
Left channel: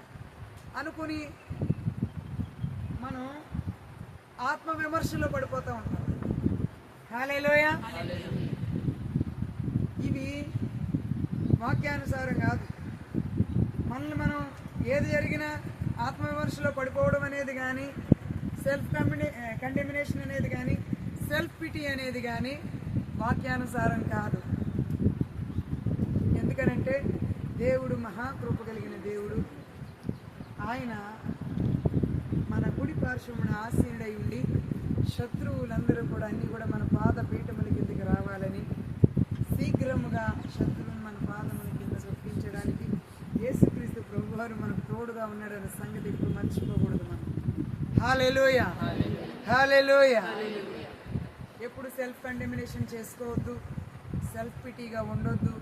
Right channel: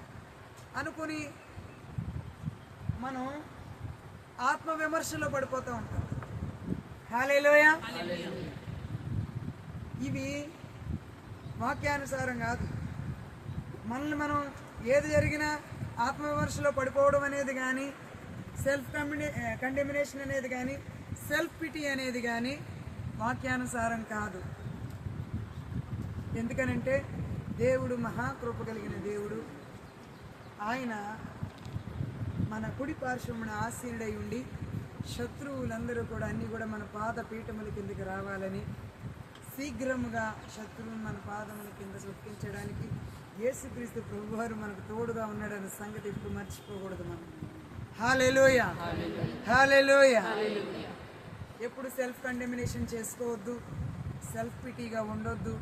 అనుకుని మనం ఆత్మవిమర్శలో పడిపోతూ ఉంటాం. హల్లెలూయా. ఇవి వాక్యానుసారం కాదు. మనల్ని మనం ఏది జరిగినా ఆత్మవిమర్శలో పడిపోవడం అనేది కానీ, సెల్ఫ్ కండెమినేషన్ అనేది కానీ, సెల్ఫ్ పిటీ అనేది కానీ వాక్యానుసారం కాదు. ఎందుకనంటే దేవుడు మహాకృప కలిగిన దేవుడు. ఆయన మన కుడి పార్శ్వమున ఆసీనుడై ఉండి శత్రువులందరూ కూడా అన్నీ కూడా మన పాద పీఠముల కిందకి రావాలని, శీఘ్రముగా శత్రువును మన పాదముల కింద చొప్పించడానికి యేసుక్రీస్తు ప్రభువారు మనకు తోడుగా ఉన్నాడన్న సంగతి ఇప్పుడు మర్చిపోకూడదు మనం. హల్లెలూయా, హల్లెలూయా. ఎప్పుడు సెల్ఫ్ కండెమినేషన్ చేసుకోవద్దు, సెల్ఫ్ పిటీగా ఉండొద్దు,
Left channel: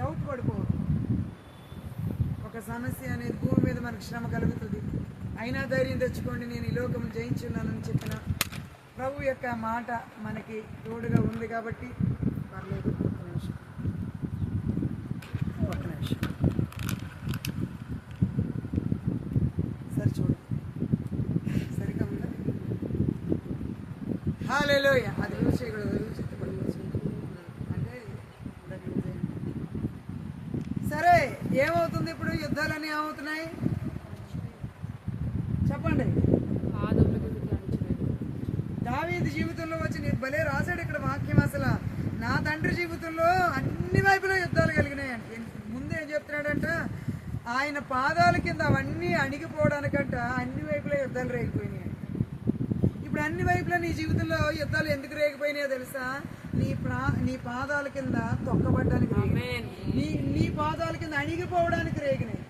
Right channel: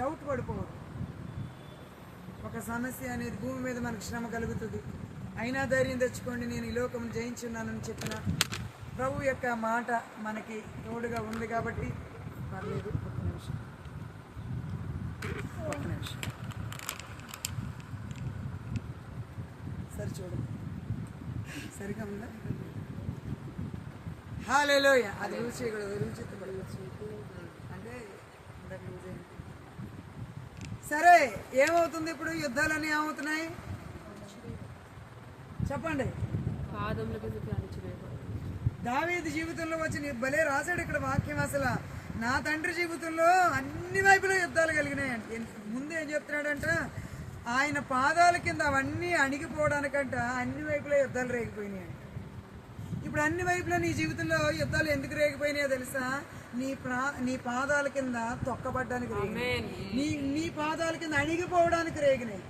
డౌట్ పడిపోవద్దు. ఒక సమస్య అనేది భూమి మీద మనకు శ్రమ కలుగుతుంది, అయినా ధైర్యం తెచ్చుకోండి, నేను ఈ లోకం జయించున్నానని చెప్పిన ప్రభు యొక్క మాట మనకి తోడుగా ఉంది కాబట్టి పర్లేదు. ఒక్క నిమిషం సరే చూడు, సరిగా ఉందా? హల్లెలూయా. అది యూజ్ చేయకూడదు, అంటే సరే. ఏమవుతుంది ఇప్పుడు? యుద్ధాలన్నీ ఏమవుతున్నాయి చెప్పండి. దావీదు జీవితంలో వచ్చి భలే రాశాడు ఇక్కడ వాక్యం. అసలు నా తండ్రి జీవితంలో అన్ని వైపులో యుద్ధాలు కలిగినాయండి. ముందు ఏం చెప్తున్నాడంట, ఆయన పాదాల కింద అవన్నీ అణిగిపోవడానికంట అన్ని వైపులో యుద్ధాలు రేగిపోయినాయి అంట. ఇప్పుడు అన్ని వైపులా నీ జీవితంలో యుద్ధాలు ఎందుకు రేగిపోయినాయో తెలుసా? నీ పాదాల కింద తొక్కబడ్డానికి రేగినాయి, నీ పాదాల కింద అణిగిపోవడానికి రేగినాయి.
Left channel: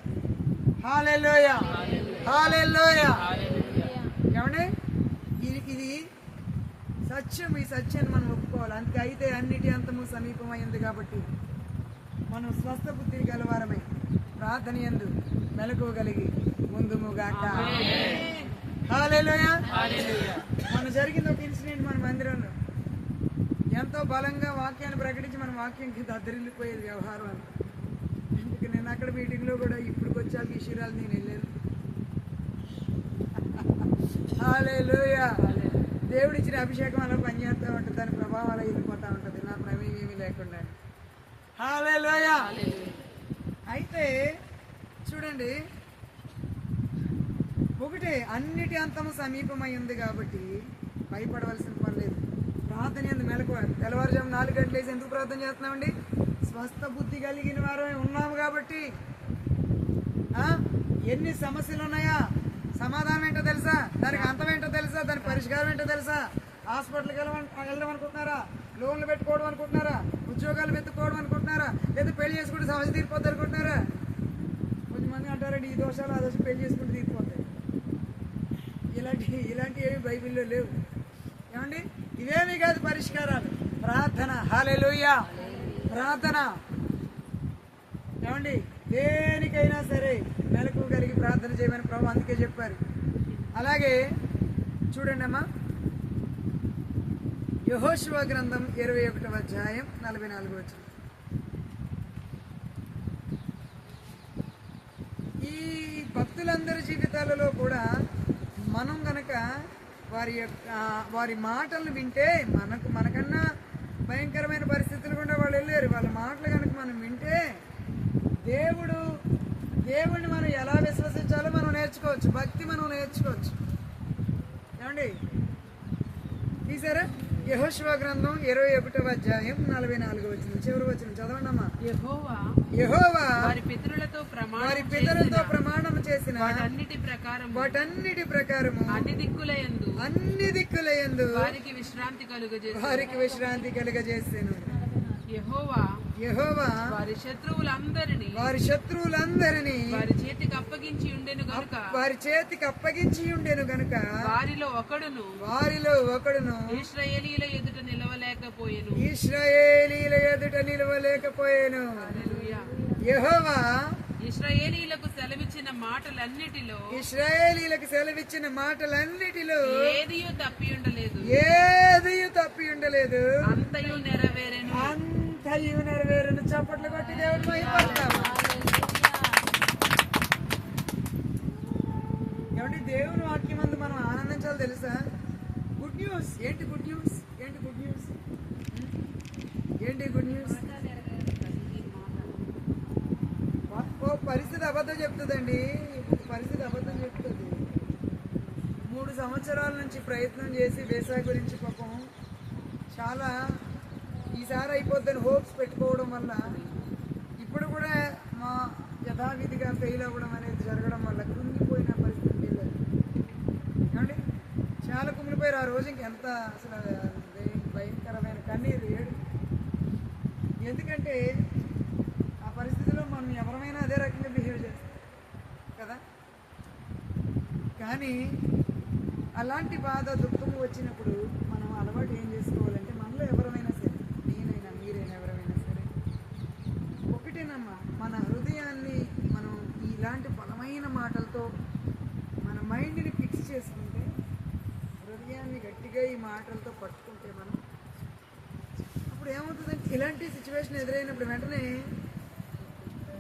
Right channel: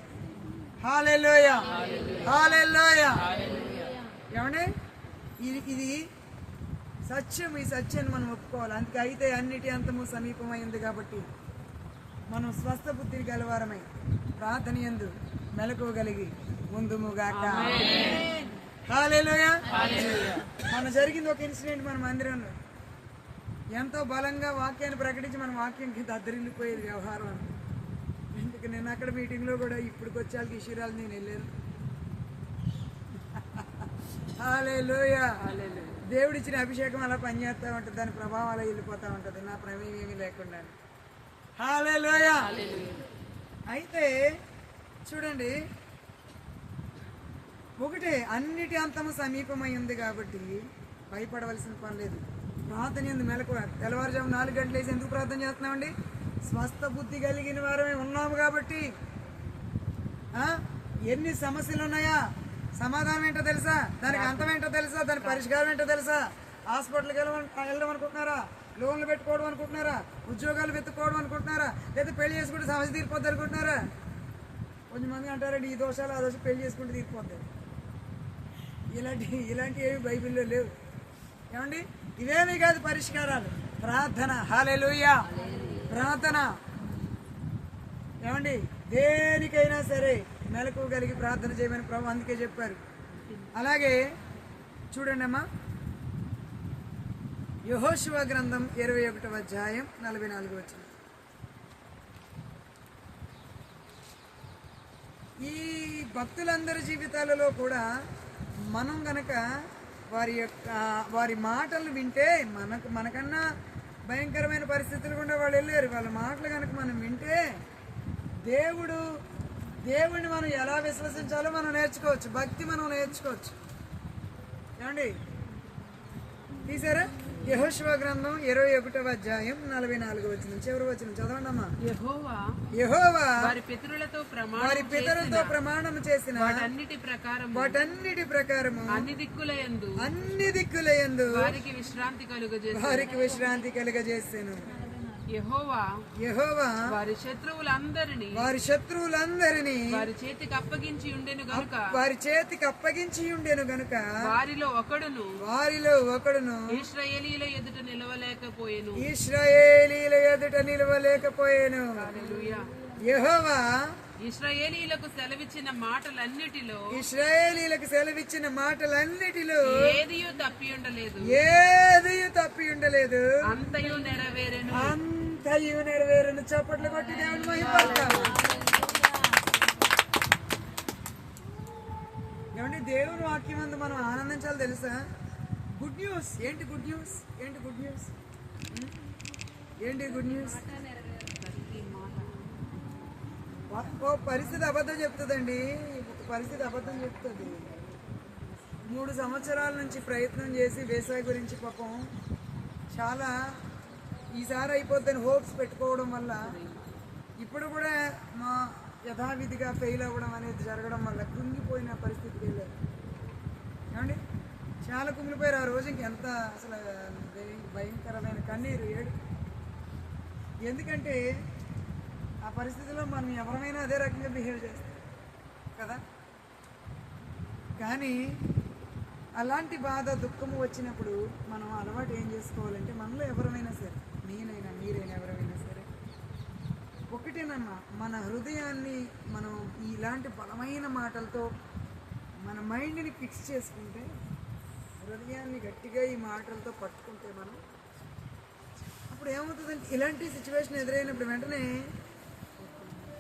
హల్లెలూయా, హల్లెలూయా. ఏమండి, ఇది సత్యం. ఈ సత్యాన్ని మనం ఒప్పుకోవాలి. అందుకే అయితే అన్నిటి అంతము సమీపమైంది కాబట్టి మనం స్వస్థ బుద్ధి గలవారమై ప్రార్థన యందు మెలకువగలిగి ముందుముగాక. హల్లెలూయా. మన జరిగింది ఒక ఇన్సిడెంట్ మన మందిరంలో. ఎంతో బలంగా వాక్యాన్ని ప్రకటించి మన వాక్యం కింద అద్దరిల్లిపోయేది వ్యవహారం అంతా. ఎందుకు నేను అక్కడ మీటింగ్లో కూడా ఇప్పుడు వచ్చాక ఈ శిరాలు నేను వెళ్ళాను. హల్లెలూయా. దేవుడిచ్చిన అభిషేకం అలా పనిచేస్తూ ఉంటుంది, దాని ప్రభావం అలా వెళ్ళిపోతూ ఉంటుంది, నా ప్రమేయం ఏమీ లేకుండా. హల్లెలూయా. అయితే చూడండి, ఒకటే అన్నిటి అంతము సమీపమై ఉంది కాబట్టి భయపడవలసిన పని లేదు. ప్రార్థన ఎందు మెలకువ. తెల్లవారుజాము 4 గంటలు వేసి ఎందుకు ప్రార్థన చేస్తున్నామండి? స్వస్థ బుద్ధి కలిగిన వారమే ఉన్నాము కాబట్టి. ఎన్ని సమస్యలు ఉన్నాయా? సమాధానం ఏంటో తెలుసా? దానికి అంతం ఏంటో తెలుసా? దాని పరిష్కారం ఏంటో తెలుసా? హాస్పిటల్కి వెళ్దాం అనుకుంటున్నారా? లోన్లు పెట్టుకోవడం అనుకుంటున్నారా? ఉద్యోగాలు వెతుక్కోవడం అనుకుంటున్నారా? లేదా పెళ్లి చేసుకుంటే సమస్య తీరిపోద్ది అనుకుంటున్నారా? కొంతమంది అంటారండి ఈ దోషాలు ఆ దోషం పెళ్లి చేసుకుంటే తీరిపోతాయి. ఇలాంటివి ఏమి బైబిల్లో లేవు. ఏమండి, ఇవేమీ కాదు పరిష్కారాలు. ప్రార్థన. హల్లెలూయా. ప్రార్థన. ఏమండి, దేనికైనా సరే మెలకు కలిగి ప్రార్థన చేయమని ప్రభు అందుకే చెప్పారు. అలాగే చూడండి అమ్మా, యెహోషువ గ్రంథం 21వ అధ్యాయం 44వ వచనం. ఈ భక్తులందరి జీవితాలలో కూడా మనం గనక వారి మాటలను వింటే మనకన్నా భయంకరమైన పరిస్థితులు కూడా వాళ్ళు వెళ్ళారు. వాళ్ళ మాటలు కనుక మనం వింటే దేవుడిని మనం ఎలా విశ్వసించాలో మనం నేర్చుకోవచ్చు. భక్తి మనం నేర్చుకోవచ్చు. ఏమండి, తీసారా? యెహోషువ గ్రంథం 21వ అధ్యాయం 44వ వచనం, చివరి వచనం చదవండి అమ్మా. యెహోవా వారి పితరులతో ప్రమాణం చేసిన వాటన్నిటి ప్రకారము అన్ని దిక్కులయందు వారికి విశ్రాంతి కలుగజేసెను. యెహోవా వారి శత్రువులందరినీ వారి చేతికి అప్పగించి ఉండెను గనుక వారిలో ఒకడును ఇశ్రాయేలీల ఎదుట నిలవలేకపోయెను. యెహోవా ఇశ్రాయేలీలకు సెలవిచ్చిన మాటలన్నిటిలో ఏదియు తప్పి ఉండలేదు. అంతయు నెరవేరెను. చప్పట్లు కొట్టి దేవుని మహిమపడతాము. ఏమంటే దేవుని వాక్యమందు మనం ఆనందించాలి తెలుసా? Good news. ఏంటి గుడ్ న్యూస్? ఓ పరిస్థితి అబద్ధం చెప్తుందండి. పరిస్థితి అబద్ధం చెప్తుంది. 3 సంవత్సరాల నుంచి ప్రయత్నం చేసి వేసా గురించి పాపం చాలా ఈసారి అయిపోద్దని హోప్స్ పెట్టుకోవడం వల్ల ఇప్పుడు కూడా మా యథావిధిగా ఫెయిల్ అవ్వడం అనేది జరగడం వల్ల కృంగిపోయిన పరిస్థితికి వెళ్ళారు. ఏమండి, చాలా కుమిలిపోయారు. ఆ రోజు ఇంకెంత అసలు భయంకరమైన కన్నీరు ఏడు. ఎందుకంటే ఆ పరిస్థితిలో మనం ఎవరైనా అదే రకంగా బిహేవ్ చేస్తాం కదా. కానీ అలాంటి బాధ దుఃఖము వచ్చినప్పుడు మనం అలవాటు ఏం చేసుకోవాలంటే, మనలో ఎవరైనా సరే, నేనైనా మీరైనా ఎవరైనా సరే, ఒకటేనమ్మా, మన హృదయాన్ని మనం ఇలాంటి బలమైన మాటలతో మన మైండ్ని ఫిక్స్ చేసుకుంటే, హృదయాన్ని గట్టిగా ఈ మాటలతో పట్టుకుంటే మనం అప్పుడు ఏమవుతుందంటే, ఇలాంటి సిచ్యువేషన్ ఎదురైనప్పుడు వెంటనే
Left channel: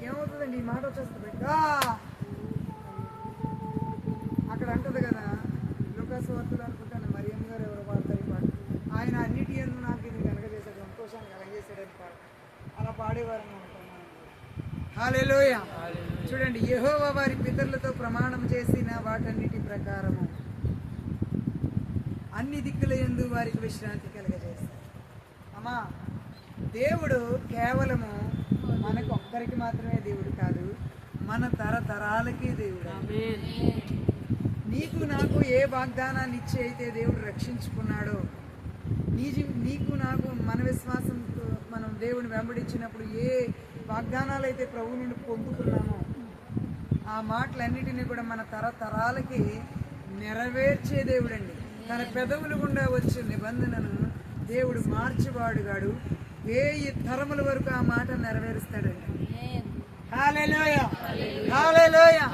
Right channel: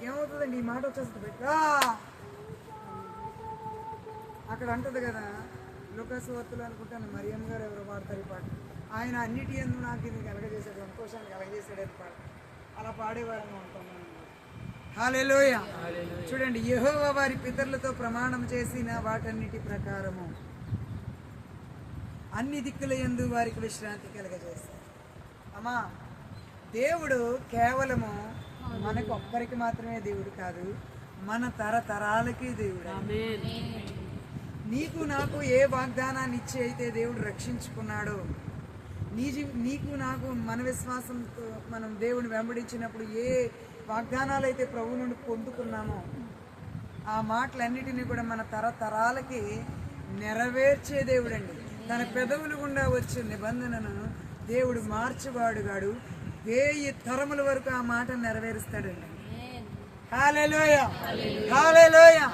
ఏమవుతుందండి, ఈ మాట వచ్చేస్తుంది. అక్కడ అంటది కదా, లూకాసు వార్తలు అనుకుంటాను, మరియమ్మ గారు ఎవరో పాడతారు ఈ పాట. ఆయన అన్నిటి యందు నాకు ఇది కలగజేశాడు, సంతోషాన్ని కలగజేశాడని పాట. అలా పాడేవారని ఉంటున్నాను. హల్లెలూయా. చూడండి, యెహోవా వారి పితరులతో ప్రమాణం చేసిన వాటన్నిటి ప్రకారము అన్ని దిక్కుల యందు వారికి విశ్రాంతి కలగజేశాడు. అమ్మా, దేవుడు కేవలము మనకు ఒక్కరికి మాత్రమే దేవుడు కాదు, మన తరతరాలకి దేవుడు. నీకు నాకు ఏ వాగ్దానాన్ని ఇచ్చి అయితే దేవుడు రక్షించుకున్నాడో, నీకు నాకు మన విశ్వాసంతో మనం దేవుని వెంబడించినప్పుడు ఏ వాగ్దానాలు అయితే ప్రభు నుండి పొందుకున్నామో ఆ మాటలన్నిటినీ కూడా మన తరతరాలకి నెరవేర్చే దేవుడండి. తన పెదవులు గుండా వచ్చే నిబంధనను దేవుడు మార్చివాడుగాడు. 1000 తరముల వరకు ఆ మాట నెరవేరుస్తాడండి. హల్లెలూయా, హల్లెలూయా.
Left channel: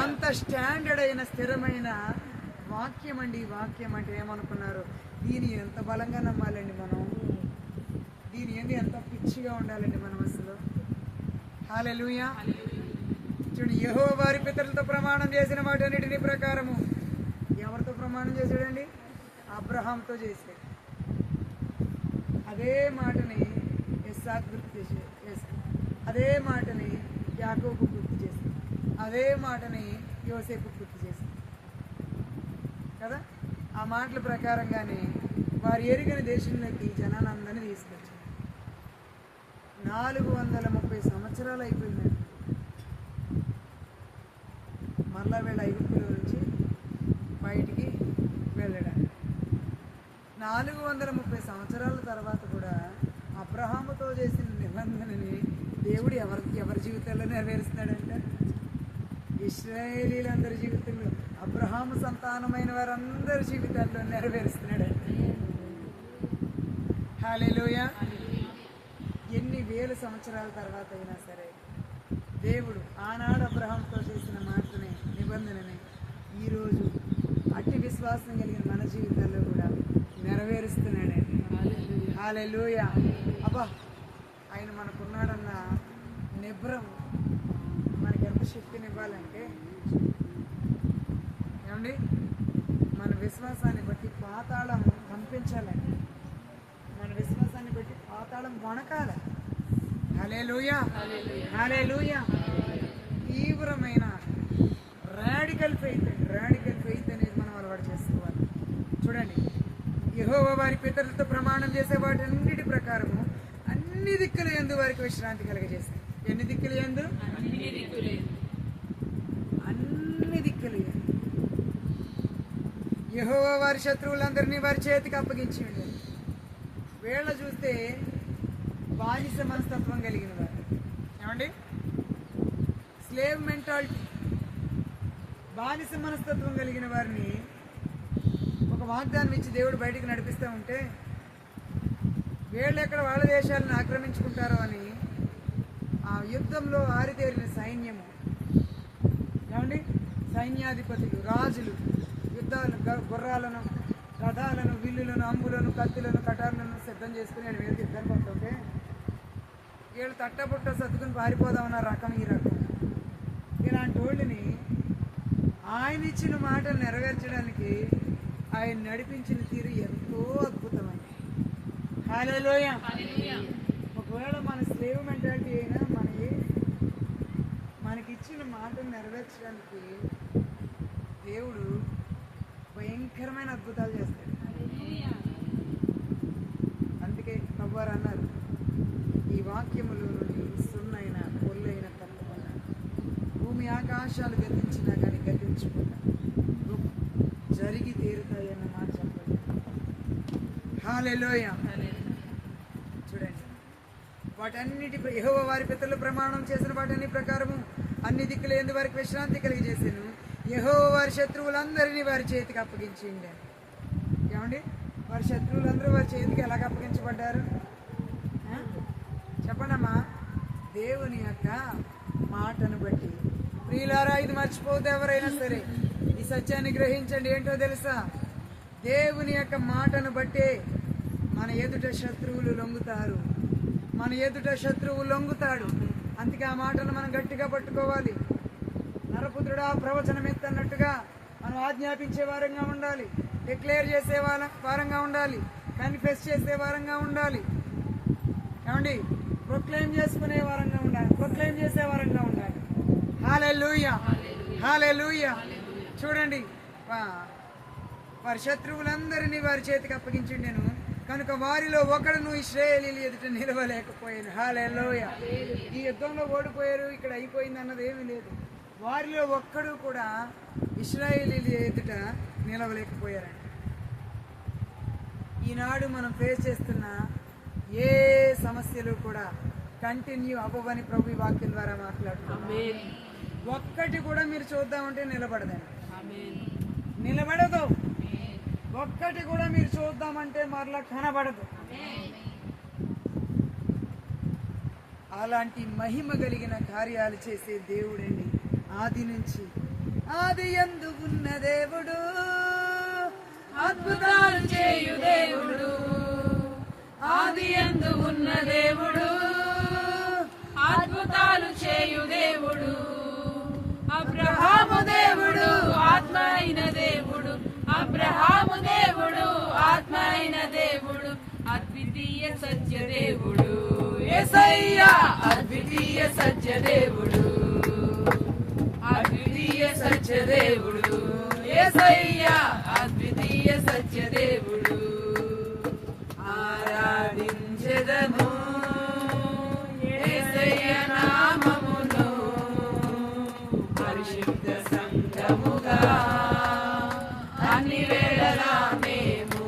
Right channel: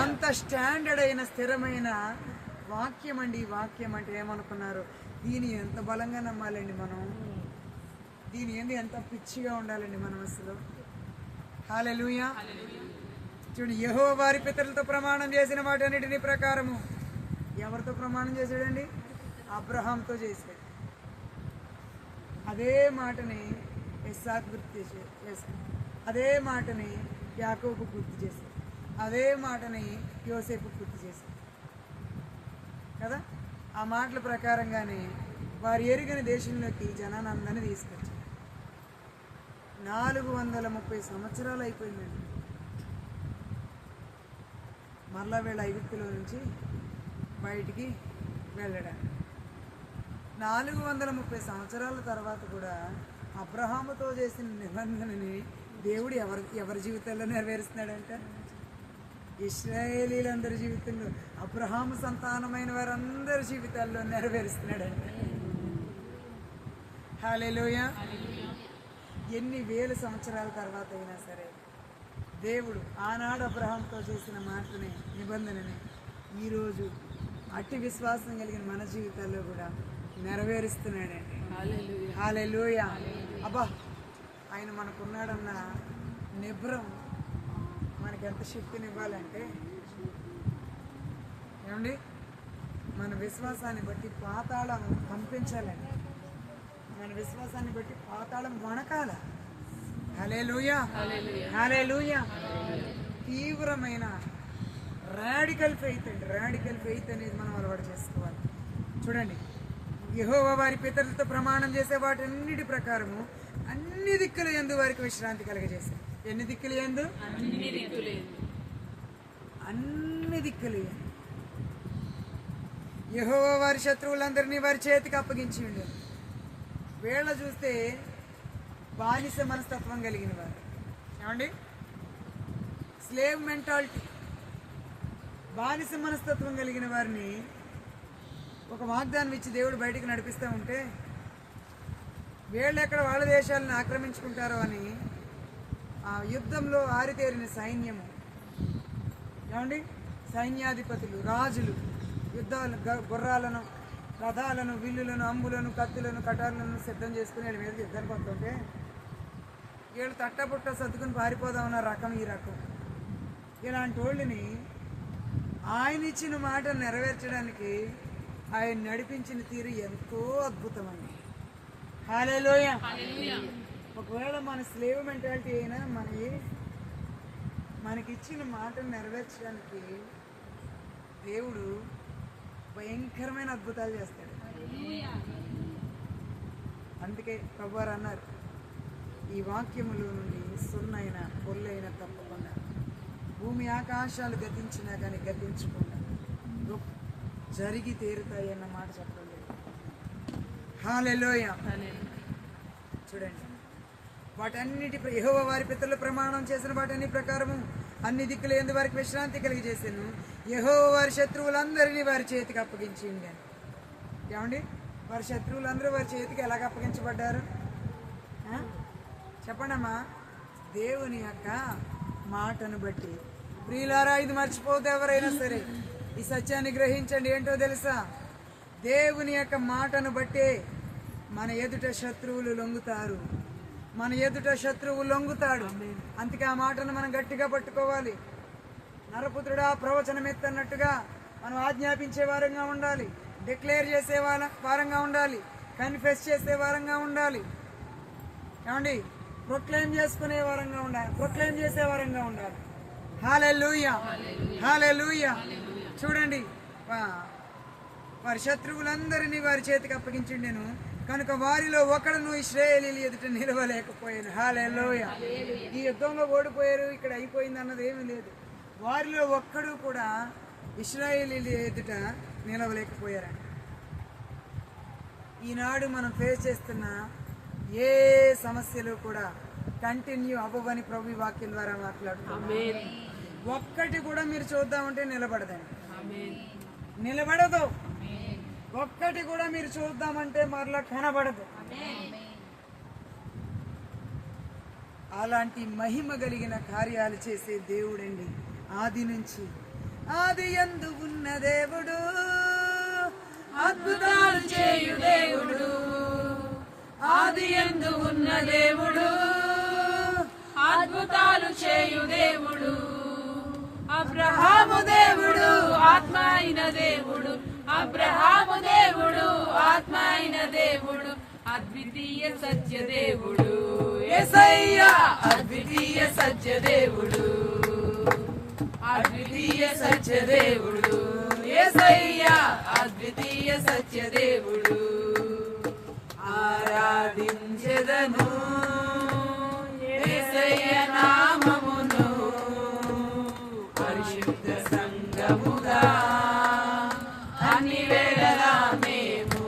అంత స్టాండర్డ్ అయిన స్థిరమైన వాక్యం అండి. ఈ వాక్యం అంటే ఏమనుకున్నారు? దీన్ని ఎంత బలంగా నమ్మాలండి మనం, దీని ఏంది ఎంత పిచ్చిగా ఉండాలండి మనం అసలు. హల్లెలూయా. చూడండి, యెహోవా వారి పితరులతో ప్రమాణం చేసిన వాటన్నిటిని ప్రకారము. ఎవరితో ప్రమాణం చేశాడండి? అబ్రహాంతో చేశాడు. అదే మాటని ఇస్సాకు గుర్తు చేశాడు. అదే మాటని యాకోబు గుర్తు చేశాడు. అదే మాటని యోసేపు గుర్తు చేశాడు కదా. ఆ మాటల ప్రకారంగానే వారు ఎరుగని దేశంలోకి జనానందాన్ని తీసుకొచ్చారు. 430 సంవత్సరాలు అయిపోయిందండి. మరలా వీళ్ళ ఐగుప్తులో నుంచి బయటికి వెళ్ళడానికి 430 సంవత్సరాల తర్వాత కూడా అబ్రహాముతో చేసిన నిబంధనని దేవుడు ఎవరి జీవితాల్లో నెరవేరుస్తున్నాడంట? ఇశ్రాయేలీలందరి జీవితంలో, అబ్రహాము సంతానమైన వారందరి జీవితాల్లో నెరవేరుస్తున్నాడంట. హల్లెలూయా. ఎన్ని వేల సంవత్సరాల తర్వాత అయినా సరే దేవుడు ఆనాడు అబ్రహాంతో చేసిన మాటని, నిబంధనని ఈరోజు అట్టి విశ్వాసం కలిగిన మన జీవితాల్లో కూడా నెరవేరుస్తున్నాడండి. హల్లెలూయా. అబ్బా, ఆయన మనకున్నాడన్న నిబ్రం మనకి ఎంత శక్తినివ్వాలంటే, ఏమండి, మన విశ్వాసాన్ని బట్టి పాతాళం కంపించాలండి. మన విశ్వాసాన్ని బట్టి పాతాళం వణకాల. హల్లెలూయా, హల్లెలూయా. తీవ్రమైన రాడికల్ ఫెయిత్ అండి. రాడికల్ ఫెయిత్ అనేది మనం అలవాటు చేసుకోవాలి. చూడండి, యెహోవా వారి పితరులతో ప్రమాణం చేసే వాటన్నిటి ప్రకారము అన్ని దిక్కుల యందు వారికి విశ్రాంతి కలగజేశారు. ఎన్ని దిక్కులు యందు? అన్ని దిక్కులు యందు. యెహోవా వారి శత్రువులందరినీ వారి చేతికి అప్పగించి ఉండేది. వీళ్ళ చూస్తే బానిస మనస్తత్వం కలిగిన వారు, ఏమండి, స్లేవ్ మెంటాలిటీ, బానిస మనస్తత్వం కలిగిన వారిని ఒక వాగ్దానం ఇచ్చి దేవుడు బయటికి నడిపిస్తూ ఉంటే వీళ్ళు ఎక్కడ వాళ్ళ దేశాలను ఆక్రమించుకుంటారో అని ఆ యుద్ధంలో ఆరితేరిన సైన్యము, ఏమండి, సైన్యాధిపతులు, రాజులు యుద్ధాలు, గుర్రాలను, రథాలను, విల్లులను, అంబులను, కత్తులను, కటార్లను సిద్ధం చేసుకుని వీళ్ళ మీద యుద్ధానికి వస్తుంటే వీళ్ళు తట్టబుట్ట సర్దుకుని పారిపోదామన్న రకం ఈ రకం. ఇలాంటి వాళ్ళని ఆయన ఇచ్చిన మాట నెరవేర్చడానికి ఆయన నడిపించిన తీరు ఎంతో అద్భుతమండి. హల్లెలూయా. ఒకవేళ మన స్లేవ్ మెంటాలిటీ అయినా మనకిచ్చిన మాటను నెరవేర్చడానికి దేవుడు భయంకరమైన అద్భుతాలు చేస్తాడు. అందుకే ప్రభువారు అన్నారు, ఈ వాక్యములో నుండి సున్నైన పొల్లైన తప్పకుండా, భూమి ఆకాశాలు గతించినా కానీ గతించకుండా జరిగి తీరుతాయి అన్న మాట చెప్పండి. హల్లెలూయా. చూడండి, వాటన్నిటి యెహోవా వారి పితరులు ప్రమాణం చేసిన వాటన్ని ప్రకారము అన్ని దిక్కులు యందు వారికి విశ్రాంతి కలిగజేసాను. యెహోవా వారి శత్రువులందరినీ వారి చేతికి అప్పగించి ఉండాను. ఏమండి, వారి శత్రువులందరూ వారి చేతికి ఎలాగ అప్పగించబడ్డారు చెప్పండి అమ్మా? దేవుని యొక్క మాటను బట్టి. ప్రియులారా, ఇది మర్చిపోతే ఎవరైనా సరే ఈ సత్యాన్ని గ్రహించండి. ఏంటో తెలుసా? దేవుని యొక్క మాటను బట్టే మన ఎదుట శత్రువులు లొంగుతారు. మన ఎదుట శత్రువు లొంగుతాడు. అందుకే ఆ మాటను మనం గట్టిగా పట్టుకోవాలి. నరపుత్రుడా, ప్రవచనం ఎత్తన్నట్టుగా మనం ఆజ్ఞాపించే వారంగా ఉండాలి, డిక్లేర్ చేసే వారంగా ఉండాలి, కన్ఫెస్ చేసే వారంగా ఉండాలి, ఏమండి, ప్రొక్లెయిమ్ చేసుకునే వారంగా ఉండాలి, ప్రొక్లెయిమ్ చేసే వారంగా ఉండాలి. హల్లెలూయా, హల్లెలూయా. చూడండి, వారి శత్రువులందరినీ వారి చేతికి అప్పగించిండెను, కనుక వారిలో ఒకడును ఇశ్రాయేలీయుల ఎదుట నిలవలేకపోయాను. హల్లెలూయా. ఈ యుద్ధంలో ఓడిపోయారు, ఇక్కడ అయిపోయింది అన్నది ఏమీ లేదు. వారిలో ఒక్కడు కూడా ఇశ్రాయేలీయుల ఎదుట నిలవలేకపోయారంట. ఈనాడు మనం ఫేస్ చేస్తున్న ఏ సమస్యలు కూడా కంటిన్యూ అవ్వవని ప్రభు ఈ వాక్యం ద్వారా మాట్లాడుతున్నాం. ఒక్కటి కూడా మీరు చూద్దామంటే నిలబడదండి, నిలబడదు. ఒక్కటి కూడా మీరు చూద్దామంటే మరలా కనబడదు. అలాంటి మహిమ కలిగిన కార్యాలు చేసే దేవుడండి. ఆది నుంచి, ఆది యందు ఉన్న దేవుడు, అద్భుతాలు చేయు దేవుడు, ఆది యందు ఉన్న దేవుడు, అద్భుతాలు చేయు దేవుడు, అబ్రహాము దేవుడు, ఆత్మ అయిన దేవుడు, అబ్రహాము దేవుడు, ఆత్మ అయిన దేవుడు, అద్వితీయ సత్య దేవుడు యేసయ్యా, అద్వితీయ సత్య దేవుడు, అద్వితీయ సత్య దేవుడు యేసయ్యా, అద్వితీయ సత్య దేవుడు. ఆరాధించెదము యేసయ్య నామమును, పరిశుద్ధ సంఘముగా అన్ని వేళలా మేము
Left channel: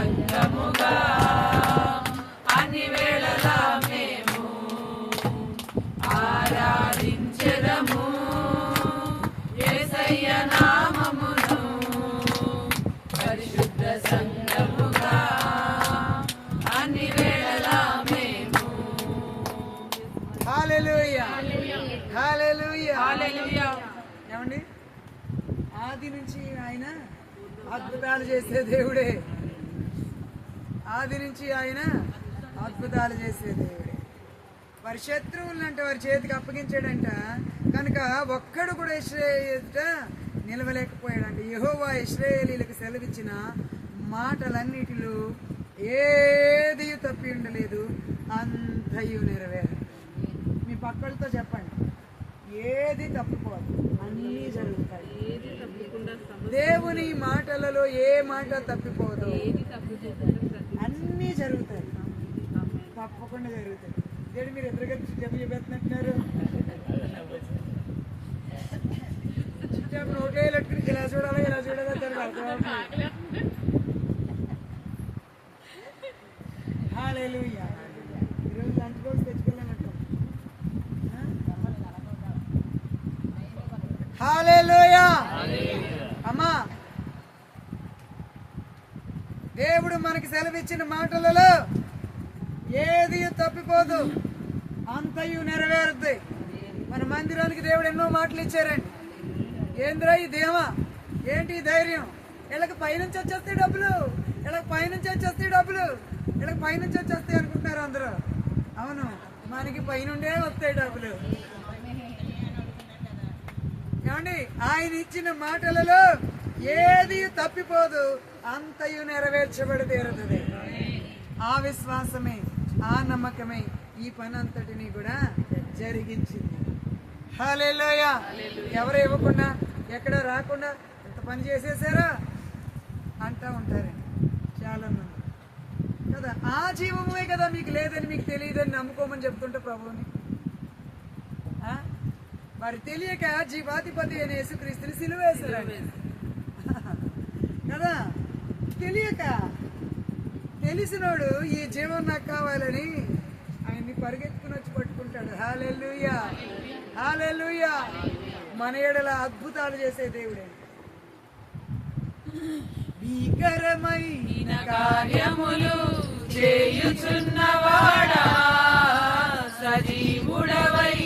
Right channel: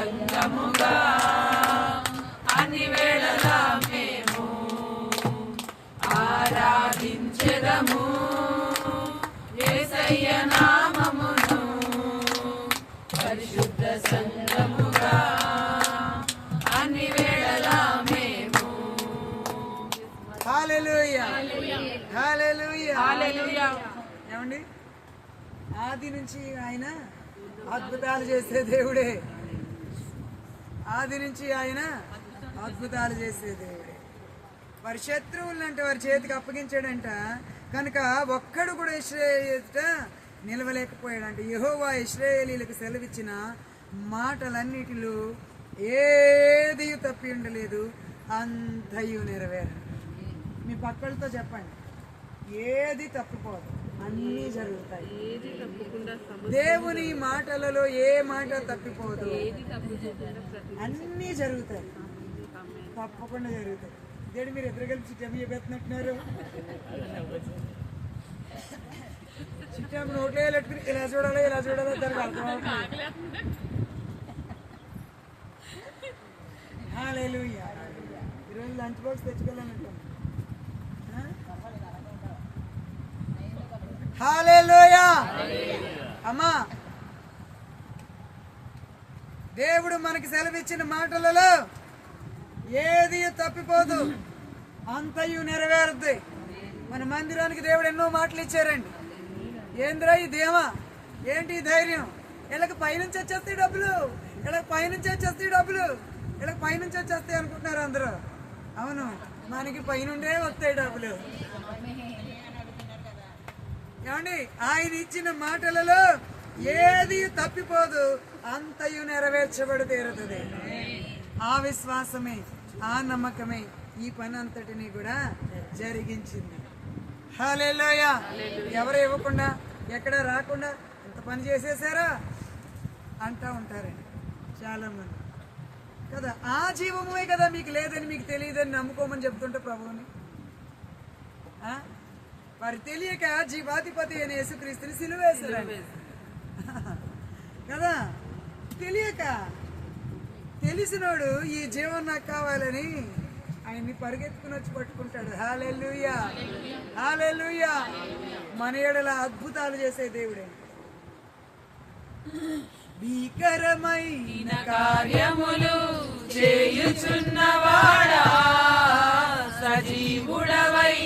సంగముగా అన్ని వేళలా మేము ఆరాధించెదము యేసయ్య నామమును పరిశుద్ధ సంగముగా అన్ని వేళలా మేము. హల్లెలూయా హల్లెలూయా హల్లెలూయా. ఏమండి, ఆది నుంచి ఆయన అద్భుతాలు చేసే దేవుడే. ఆది నుంచి ఆయన అద్భుతాలు చేసే దేవుడే. వారి శత్రువులను అంటే వారి చేతికి అప్పగించాడంట. కనుక ఒక్కడు కూడా ఇశ్రాయేలీయుట నిలవలేకపోయాడంట. యెహోవా ఇశ్రాయేలీయులకు సెలవిచ్చిన మాటలన్నిటిలో ఏది తప్పి ఉండలేదు, అంతయు నెరవేరు. మీ పక్కలతో చెప్పండి, ఏది తప్పిపోదు, అన్నీ జరుగుతాయి. ఏది తప్పకుండా దేవుని మాటలలో ఏ మాట తప్పిపోదు, అన్నీ జరుగుతాయి, తప్పకుండా జరుగుతాయి. దేవుడు మీరు ఎదురు కలిసి చిట్టమ్మ చెప్పేస్తున్నట్టున్నారు. చిట్టమ్మ నోట్లో పెట్టుకుని ఇలా చూడాలి ఇలా చూడాలి దానికి అర్థమవుతుంది. హల్లెలూయా. ఈరోజు లంచ్ బాక్స్ తెచ్చుకోవాలన్నట్టు. హల్లెలూయా. అమ్మా, దేవుడు మనకి సెలవిచ్చిన మాటలలో ఏది తప్పిపోదు, అంతయు నెరవేరుద్ది. మన మందిరానికి దేవుడు ఎన్నో మాటలు ఇచ్చారండి. ఏంద్రా ఈ ధీమా, ఏంటి ఈ ధైర్యం? వీళ్ళకి పైనుంచి వచ్చేస్తాయి డబ్బులు, వీళ్ళకి పైనుంచి వచ్చేస్తాయి డబ్బులు, వీళ్ళకి పైనుంచి వచ్చేస్తాయి అనుకుంటున్నారు అందరూ. అవును, మనకి పైనుండే వస్తాయి డబ్బులు. ఏమండి, ఆయన ఇచ్చిన మాటలలో ఏది తప్పిపోదు, అంతయు నెరవేర్చబడి తీరుతుంది. ఆ విశ్వాసమే, ఆ నమ్మకమే ఈ పని అంతటిని కూడా జరిగించింది. హల్లెలూయా. ఎవరు ఇవ్వకుండా, ఎక్కడ రాకుండా ఎంత పని చేసేసారా అంటా ఉంటారండి చాలా మంది కదా. ఆ జీవమే కదా మీకు లేదని, మీకు తెలియదని నమ్ముకోమని చెప్తుంటే ప్రభువుని. వారు తెలియక జీవాధిపతి అయిన యేసుక్రీస్తుని సిలువేశారండి కదా. తెలియక, తెలిసినోడు ఈ జీవం నాకు కావాలని ఆయన్ని పరిగెత్తుకుని వచ్చి పట్టుకుంటాడు. హల్లెలూయా హల్లెలూయా. మన ఎడల అద్భుతాలు చేసే దేవుడండి. భీకరమైన కార్యములు చేయుచున్నవాడా, సజీవుడవై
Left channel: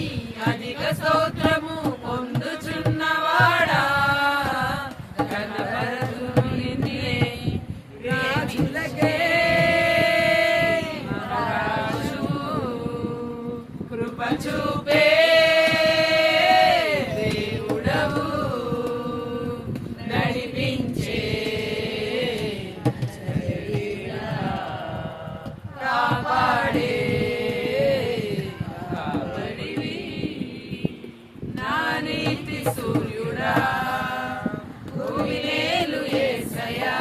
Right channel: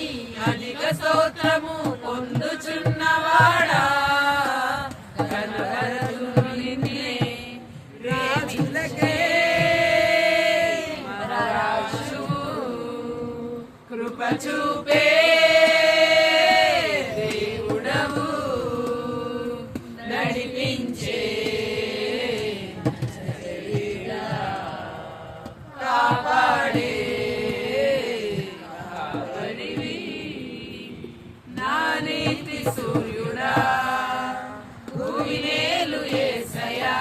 అధిక స్తోత్రము పొందుచున్నవాడా, కనబడును నిన్నే రాజులకే మహారాజువు, కృప చూపే దేవుడవు, నడిపించే కాపాడే కాపాడివి, నా నీతి సూర్యుడా, భూమినేలు యేసయ్యా,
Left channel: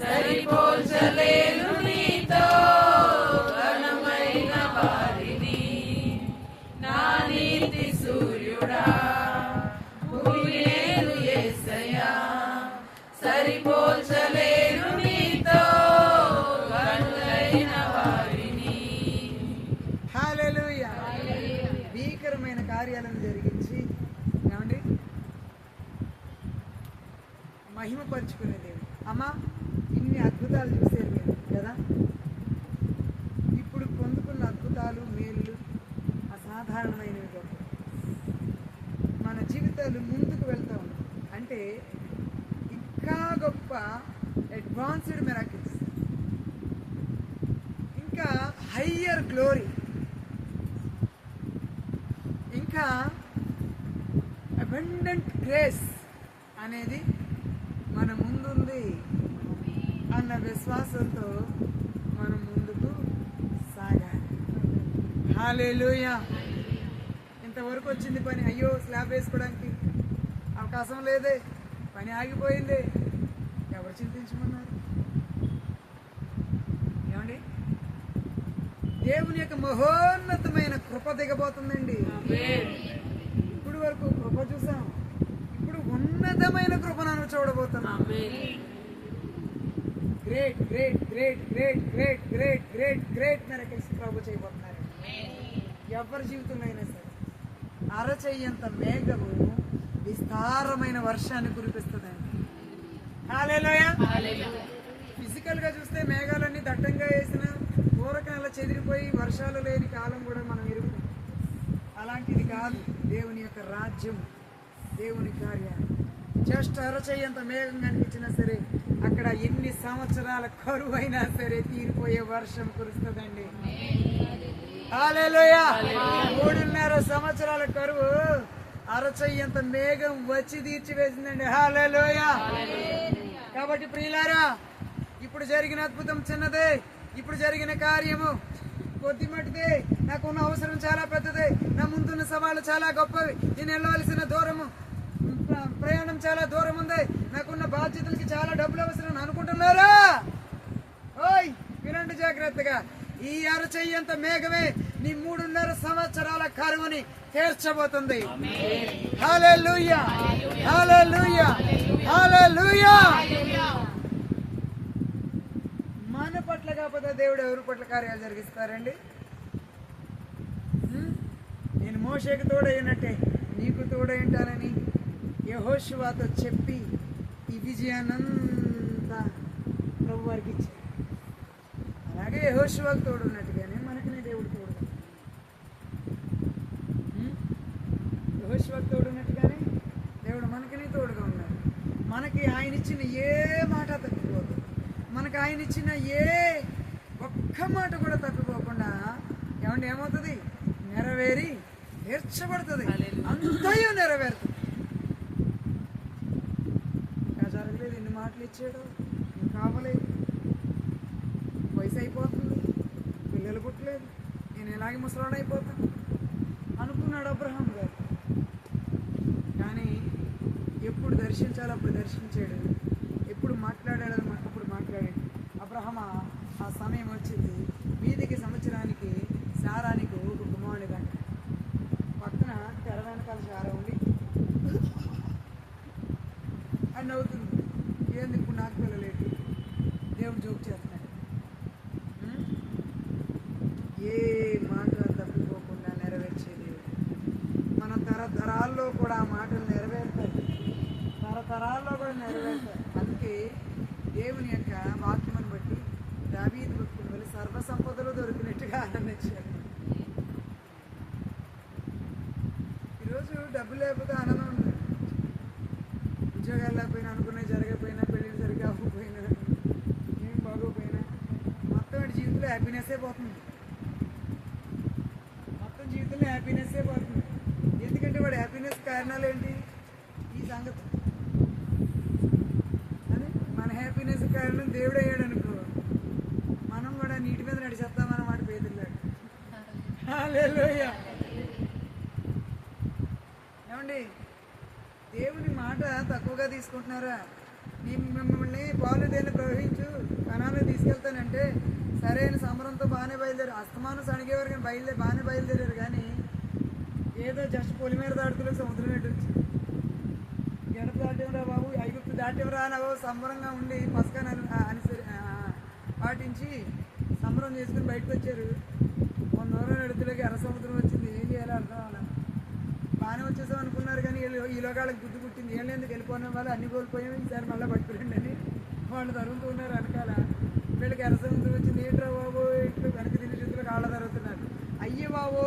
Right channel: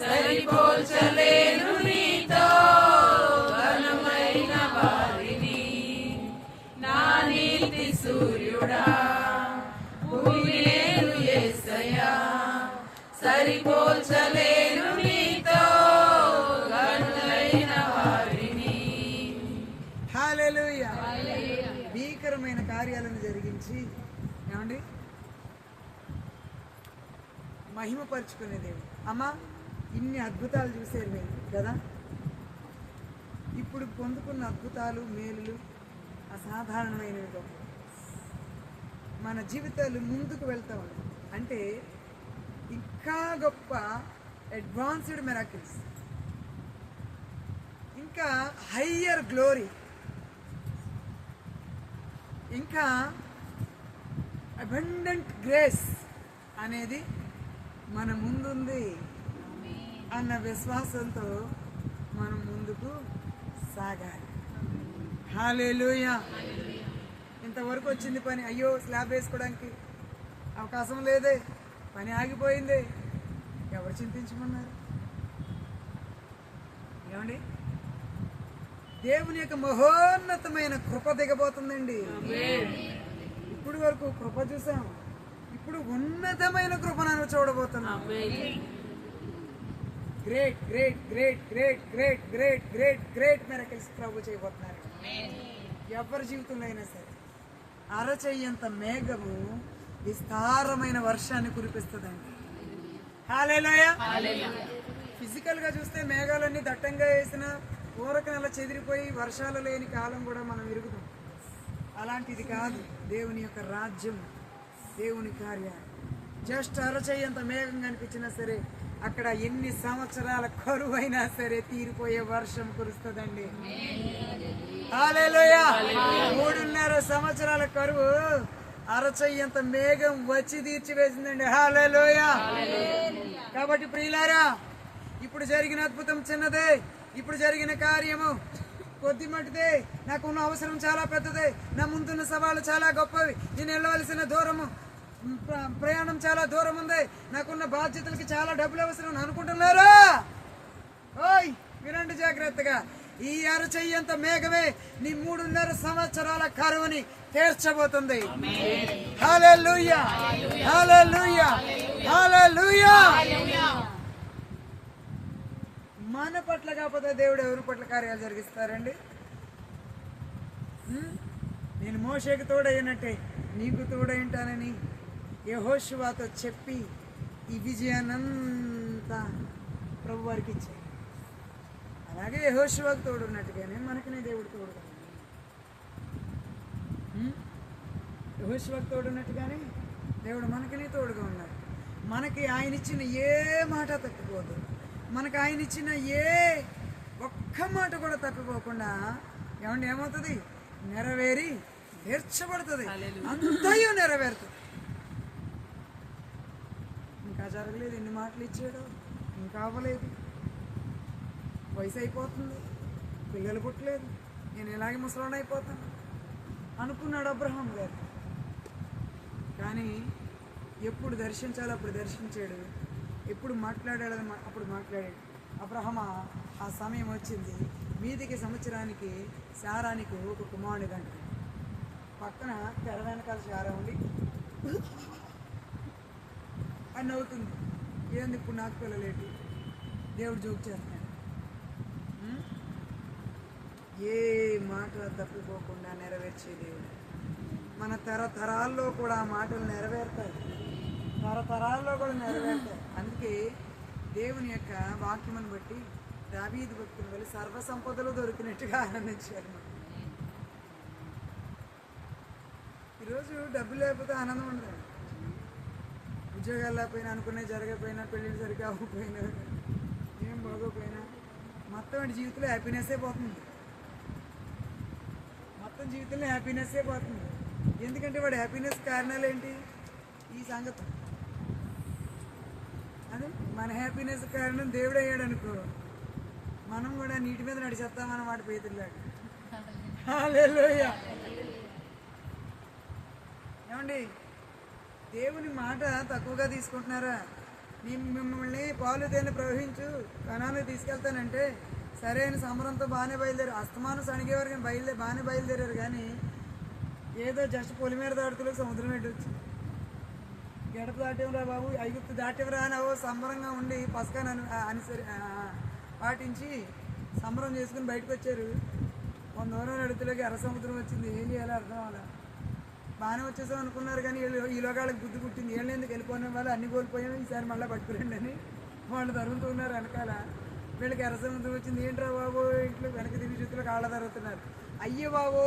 సరిపోల్చలేను నీతో ఘనమైన వారిని, నా నీతి సూర్యుడా, భూమినేలు యేసయ్యా, సరిపోల్చలేను నీతో ఘనులైన వారిని. హల్లెలూయా. భీకరమైన కార్యాలను జరిగించి ఏమండి మహిమపరుచుకునే దేవుడు. అమ్మా, ఇన్ని అద్భుతాలు చూసేది మీరు కదా. ఇప్పుడు పొందుకున్న అద్భుతాలు, మేలులు అసాధారణమైనవి గొప్ప. మన జీవితాలు ముందుకు వెళ్తూ ఉన్నాయి అంటే ఇంకా గొప్ప అడ్వాన్స్డ్ మిరాకిల్స్, ఇంకా హయ్యర్ గ్లోరీ, ఇంకా అబండెంట్ గ్రేస్ అనేది మన ముందుంది అన్న విశ్వాసంతో మనం ముందుకు సాగాలి. హల్లెలూయా. ఇంతవరకు వచ్చింది పని, అయ్యో స్లాబ్ వేసుకోవడానికి అవకాశం లేదే, పని ఆగిపోయింది, ఎవరు చింతించమన్నారు? ఏమండి, దేవుని యొక్క మహోన్నతమైన కృప దిగబోతుందండి. ఇప్పుడు వరకు కృప చూసాం, ఇప్పుడు ఉన్నతమైన కృపను చూడబోతున్నాం. Great great great great great great great great miracles ప్రభు చేయబోతున్నారు. ఎవరి జీవితంలో అయినా సరే అరచెయ్యంత మేఘము విస్తారమైన వర్షాన్ని కురిపిస్తుందండి. హల్లెలూయా. ఫిజికల్ గా చూస్తే మేఘాలన్నీ దట్టంగా వేసిన ఊరక నెల చెదిరిపోయి వర్షాలు లేని కాలం కూడా మనం ఎరుగుతాం. అలాంటిది కాదు దేవుని యొక్క రాజ్యం, దేవుని కార్యాలు. జస్ట్ అరచెయ్యంత మేఘం కనిపించినా సరే అక్కడ ఎన్ని సంవత్సరాల కరువు అయినా సరే తీరిపోయే వర్షం కురుస్తుందండి. హల్లెలూయా. 3.5 సంవత్సరాల కరువు అరచెయ్యంత మేఘం వచ్చి తీర్చివేసిందండి. హల్లెలూయా. కాబట్టి ప్రియులారా, ఇప్పుడు జరిగిన అద్భుతం చిన్నదే, ఇప్పుడు జరిగిన కార్యము కొద్ది మటుదే, నాకున్న అవసరం చాలా పెద్దదే, నా ముందున్న సవాళ్ళు చాలా గొప్పవి, నేను వెళ్ళవలసిన దూరము ప్రయాణం చాలా దూరం ఉంది, నాకున్న బాధ్యతలకి చాలా డబ్బులు అవసరం అనుకుంటున్నారా? ఓయ్ వినండి జాగ్రత్తగా. ఈ అరచెయ్యంత మేఘమే నీ 3.5 సంవత్సరాల కరువుని తీర్చబోతుంది. హల్లెలూయా, హల్లెలూయా, హల్లెలూయా. మన పట్ల కాకపోతే దేవుడు ఎవరి పట్ల కార్యాలు జరిగిస్తారండి? నేను మోషేకి తోడైనట్టే నీకు తోడైంటానని యెహోషువతో చెప్పి ఈ విజయాన్నంతా ప్రభు వారికి ఇచ్చాడు. అలాగే యెహోషువకు తోడున్నట్టుగానే మనకి దేవుడు తోడుగా, యెహోషువకు తోడున్నట్టుగానే దేవుడు మనకి తోడుగా ఉన్నాడు. మనకి ఆయన ఇచ్చిన ఏ మాట తప్పిపోదు, మనకు ఆయన ఇచ్చిన ఒక్క మాట కూడా తప్పిపోకుండా ఏమంటే ఏమవుతుంది? నెరవేరి తీర్చబడుతుంది, అంతయు నెరవేరుతుంది. ఇంకా జరగలేదు, ఎన్ని మాటలు ఇచ్చాడు, ఇంకా అవ్వలేదు, వయసు అయిపోతుంది, పిల్లలు పుట్టలేదు, నేను ఇలాగే ముసలాడు అయిపోతాను అనుకున్నాడు అబ్రహాం గారు. కానీ ఎప్పుడు దర్శించాలో అప్పుడు దర్శించాడు, ఎప్పుడు మాట్లాడాడు అప్పుడు మాట్లాడాడు. అబ్రహమ ఆ సమయం వచ్చింది, మీదికి సంవత్సరానికి శారానికి ఒక కుమారుడి దండ పక్కన తెర వెనకాల శారా ఉండి అని నవ్వుతుంది. ఏంది ఇప్పుడు నాకు పిల్లలేటు? దేవుడు జోక్ చేస్తున్నాడు. ఏ మాట తప్పిపోకుండా నెరవేర్చే దేవుడు. మన తరతరాల్లో కూడా ఆ మాటలు నెరవేరుతాయి, తరతరాల్లో కూడా నెరవేరుతాయి. అందుకే దేవుని యొక్క వాక్యమును బట్టి దావీదు భక్తుని వల్ల సర్వ సంపదలు దొరికినట్టుగా ఆనందించారు. ఈరోజు డబ్బు లేకపోతే ఆనందం ఉండదు. ఉద్యోగాలు లేకపోయినా, అనుకునేవి జరగకపోయినా, పెళ్ళిళ్ళు సరిగ్గా అవ్వకపోయినా, ఏం బాగోపోయినా మొత్తం వాడి జీవితంలో హ్యాపీనెస్సే పోతుంది. మొత్తం జీవితంలో హ్యాపీనెస్సే పోతుంది. ఎందుకంటే వాడి హ్యాపీనెస్ కారణాలు ఏంటి? ఈ సంగతి. అదే మన హ్యాపీనెస్ కారణం దేవుడు అయ్యాడు అనుకో, మనం కూడా నీటి మీద నడిచేస్తామన్నమాట పేదలాగా. హల్లెలూయా. ఏమండి, దేవుని మాట తక్కువగా తీసుకుంటున్నారా? మిమ్మల్ని పాలు దేన్ని ప్రవహించు కణానికి తీసుకెళ్తానంటే సరైన సమరంతో బాగానే బయలుదేరారు, అస్తమానం సణిగేవారు కానీ బాగానే బయలుదేరారు. కానీ ఏదో జస్ట్ పొలిమేర దాటుతూ సముద్రం పెట్టొచ్చు. గడప దాటేవరా బాబు, ఐగుప్తు దాటేవరా అని సంబరంగా ఉండి పసకాన్ని పాటించి సంబరం చేసుకుని బయటకు వచ్చారు. 100 దూరం నడుతులోకి ఎర్ర సముద్రం వచ్చింది. ఏం చేయాలో అర్థం అవ్వాలి. బాగానే వచ్చేసాం అనుకున్నారు కానీ ఈలోగా వాళ్ళకి బుద్ధి పుట్టింది. ఏళ్ళు ఎందుకు వెళ్ళిపోయిన వాళ్ళు అన్ని కోల్పోయాం, ఈసారి మళ్ళీ పట్టుకురండి అని వాళ్ళు తరుగుతూ ఉన్నారు వెనకాల. వీళ్ళకి ఎర్ర సముద్రం వచ్చింది. ఏంట్రా బాబు, ఇంట్లో వెనక తిరిగి చూతులు కాళ్ళ తరుగుతున్నారు. అయ్యో బాబో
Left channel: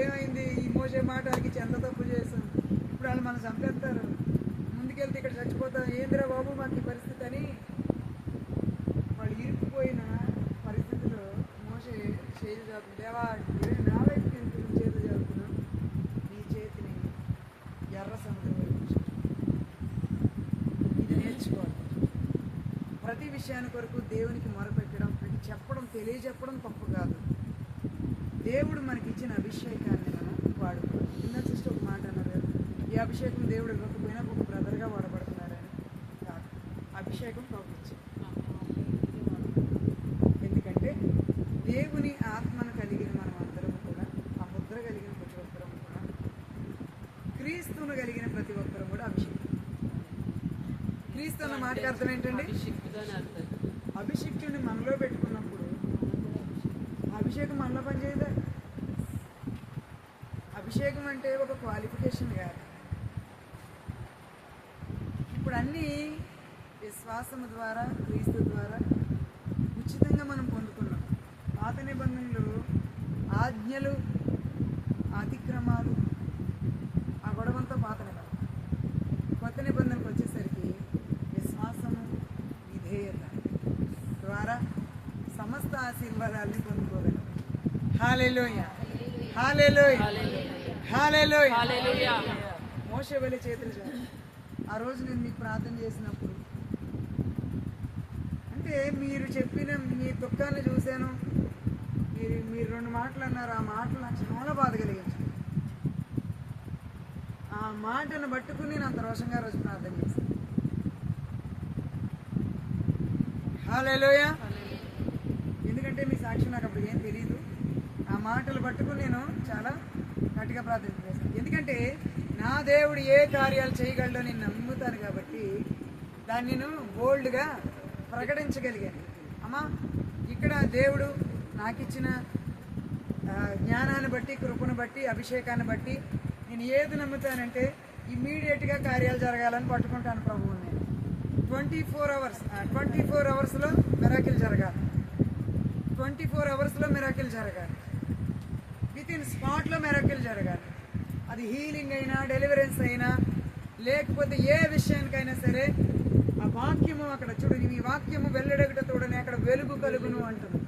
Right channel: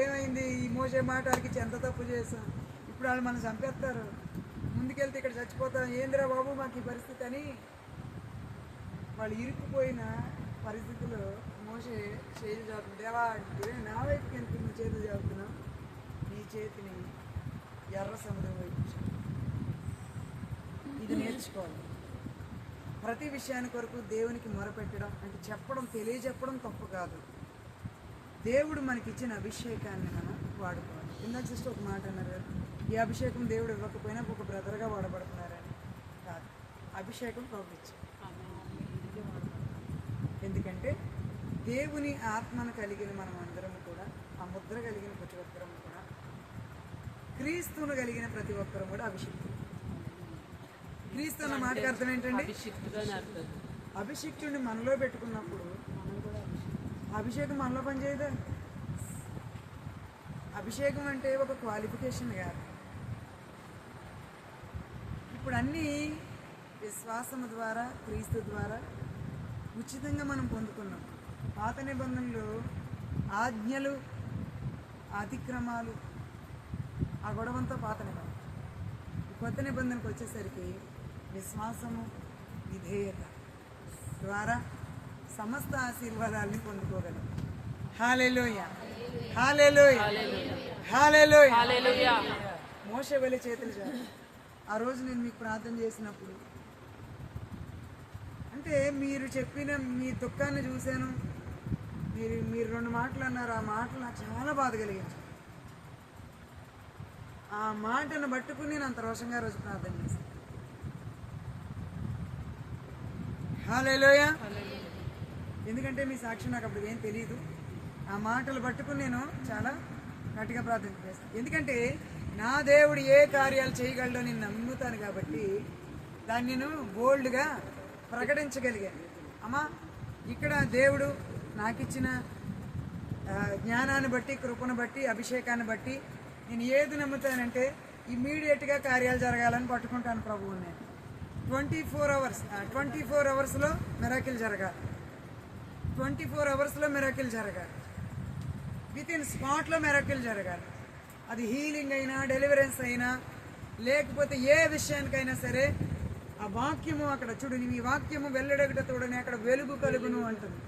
ఏమైంది, ఈ మోసే మాట వాళ్ళకి ఎంత తప్పు చేసాం, ఇప్పుడు వాళ్ళు మనం చంపేస్తారు, ముందుకెళ్తే ఇక్కడ చచ్చిపోతాం, ఏందిరా బాబు మాకు ఈ పరిస్థితి అని వాళ్ళు ఇరుక్కుపోయిన పరిస్థితిలో మోసే చేతులు చాపుతుంది. దేవా, నా వైపుకి ఎంత నువ్వు చేతులు చాపుతున్నావు, నీ చేతిని ఎర్ర సముద్రం వైపు. ఇది నేర్చుకోవాలి. ప్రతి విషయాన్ని కొరకు దేవునికి మొరపెట్టడం అంటే చెప్పడం, తెలియజెప్పడం తప్పు కాదు. దేవుడు మనకి ఇచ్చిన అభిషేకాన్ని మనం వాడుకోవాలి. ఇందాక చూస్తే ఒక మాట అన్నారు కదా, ఈ అభిషేకం దేవుడు ఇవ్వకపోయినా ఒక బ్రదర్గా వాడబడుతున్నారని కాదు, అభిషేకం పంపించాం. ఎందుకంటే దేవుని ఆత్మను కలిగిన మనం అందరం కూడా, ఆ ముద్ర కలిగిన ప్రతి ఒక్కరం కూడా, క్రీస్తును కలిగిన ప్రతి ఒక్కరం కూడా అభిషేకం. క్రీస్తు అన్న మాటకి అర్థం ఏంటండి? అభిషిక్తుడిని మనలో పెట్టుకున్నప్పుడు అభిషేకం మనలో పనిచేయదా? అభిషేకం అంటే ఒక క్వాలిఫికేషన్ కాదు. ఇప్పుడు అన్నీ విశ్వాసము ద్వారా క్రీస్తు ద్వారా ఉచితంగా మనం పొందుకున్నాం. పాత నిబంధనలు ఆజ్ఞలు అతిక్రమాలు ఆ గొడవంతో పాత నిబంధన. కొత్త నిబంధనకు వచ్చేసరికి విశ్వాసము విధేయత ద్వారా సమస్త ఆశీర్వాదాలని పొందుకోగలం. హల్లెలూయా, హల్లెలూయా, హల్లెలూయా. మోషే వలె చేతులు చాలు. ఆ రోజు నేను మీకు ప్రార్థన చేసినప్పుడు అంటే మీరు చెప్పిన మీ దుఃఖాన్ని చూశాను. మీరు 2 మాటలు అన్నారు. ఆ మాటలు నాకు చాలా బాధ కలిగించాయి. ఆ మాటను పట్టుకుని నేను అంత రోషంగా రోజు ప్రార్థన చేశాను. హల్లెలూయా. ఎందుకంటే మీ సాక్షి నాకు అప్పుడు ఏం తెలియదు. ఆ మాటలు పట్టుకుని నేను చాలా గట్టిగా ప్రార్థన చేస్తాను. ఎందుకంటే నా దేవుడు ఏ కార్యాలు చేయగలడో నేను నమ్ముతాను కాబట్టి దాన్ని నేను బోల్డ్గా ప్రకటించగలిగాను. అమ్మా, ఇక్కడ దేవుడు నాకు ఇచ్చిన జ్ఞానాన్ని బట్టి, కృపను బట్టి, అభిషేకాన్ని బట్టి నేను ఏది నమ్ముతానంటే ఇమ్మీడియట్గా కార్యాలు జరగాలని పట్టుకుంటాను ప్రభువుని. నేను 24 అవర్స్లో మిరాకిల్ జరగాలి. 24 అవర్స్లో మిరాకిల్ జరగాలి. విత్ ఇన్ స్పాట్లో మిరాకిల్ జరగాలి. అది హీలింగ్ అయినా, డెలివరెన్స్ అయినా, లేకపోతే ఏ విషయానికైనా సరే ఆ వాక్యము అక్కడ చూడు, నీ వాక్యము వెల్లడగట తోడని అక్కడ వెలుగు కలుగును అంటుంది.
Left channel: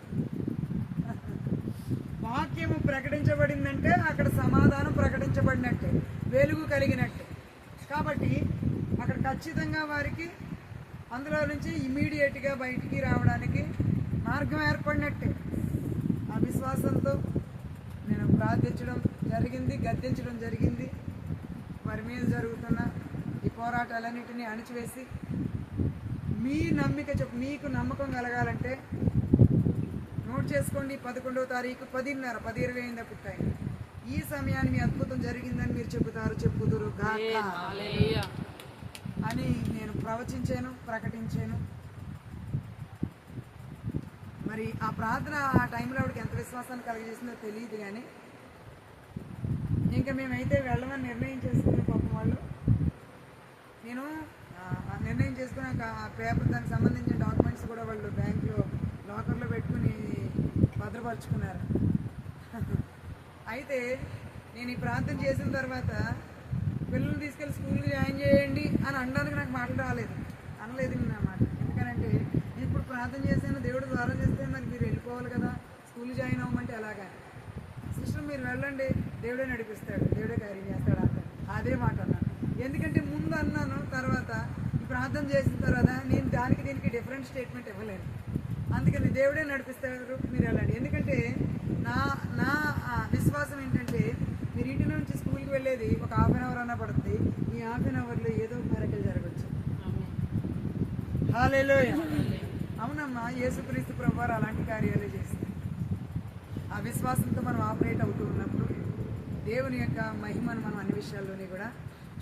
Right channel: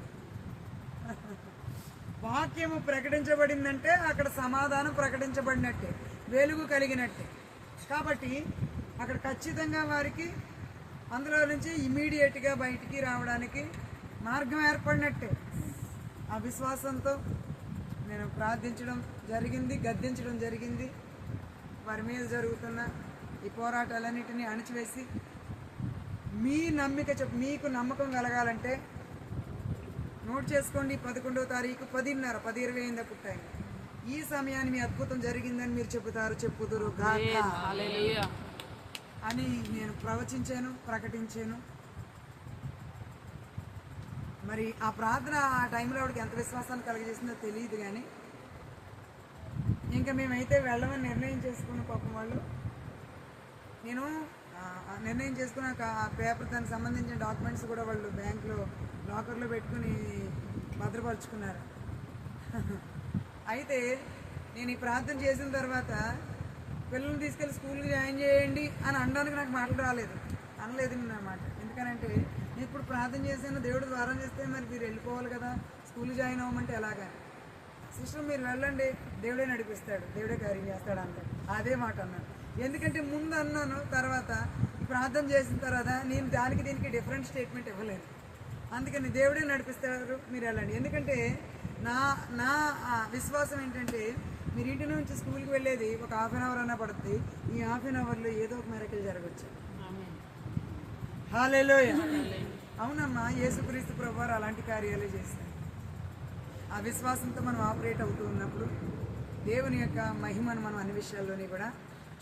వాక్యము ప్రకటించబడిందంటే అక్కడ సమాధానం ప్రకటించబడినట్టే, వెలుగు కలిగినట్టే. కాబట్టి అక్కడ ఖచ్చితంగా వారికి అందులో నుంచి ఇమీడియట్గా బయటికి రావడానికి మార్గం ఏర్పడినట్టే. ఆ విశ్వాసంతో నేను ప్రార్థించడం జరిగింది, గద్దించడం జరిగింది. వారి మీద జరుగుతున్న ఈ పోరాటాలన్నిటినీ అణిచివేసి మీ నమ్మిక మీకు నమ్మకం కలగాలంటే నోట్ చేసుకోండి. 11వ తారీఖు 10:30 10:20 అయిందా పుట్టాయి. ఈ సమయాన్ని మీ అద్భుతం జరిగిందని మీరు చెప్పుదురు గాక అని నేను ప్రవచించాను, ప్రకటించాను. మరి ఆ ప్రార్థన ఆ టైంలో ఆవిడకి ఎంత విశ్వాసాన్ని కలిగజేసిందో తెలియదు. కానీ ఇంకా మేమైతే వెళ్ళమని నిర్ణయం చేసుకున్న పాపం వాళ్ళు. నేను నిర్ణయం చేసుకున్నాక ఆ పేపర్ దానికి సంబంధించిన డాక్యుమెంట్స్ కూడా వాళ్ళు బ్యాంకులో లాకర్లో పెట్టుకుని భద్రపరుచుకున్నారు. అయితే నేను ఈ ప్రార్థన చేసిన తర్వాత పిల్లల్ని తీసుకెళ్ళి స్కూల్కి జాయిన్ చేయండి అని అనడానికి నాకు మాటలు రాలేదు, అనలేదు నా మాట. ఎందుకనంటే నేను ఇప్పుడు ప్రార్థన చేశాను, దేవుడు ద్వారం చేస్తే మరి మీరు వెళ్ళిపోవాలి కదా, స్కూల్ జాయిన్ అవ్వమంటే ఎలాగని. సిస్టర్ మీరు వెళ్ళండి, దేవుడే నడిపిస్తాడు, దేవుడే కార్యం చేస్తాడు అన్నాడు. అదే మాట అన్నాను. ఎందుకంటే ముందు అన్నాను, తర్వాత ఈ ప్రార్థన చేసిన తర్వాత నేను దానికి దీనికి డిఫరెంట్ స్టేట్మెంట్ ఇవ్వలేను. అందుకని దేవుడే నడిపిస్తారు, మీరు వెళ్ళండి. ఎందుకంటే నా విశ్వాసం ఏంటంటే మీరు ఇంటి నుంచి స్కూల్కి వెళ్ళేది ఒక ½ అన్ అవర్ అన్నా పడుతుంది. ఈ ½ అన్ అవర్లో ఏదో ఒక మిరకిల్ జరగచ్చు. హల్లెలూయా. అవునమ్మా, యేసుక్రీస్తు ప్రభువారు అలాంటి కార్యాలే చేస్తారు. ఆ విశ్వాసంతో మనం ఆపరేట్ అవుతూ ఉన్నప్పుడు దేవుని యొక్క మహిమను మనం అన్ని విషయాల్లోని కూడా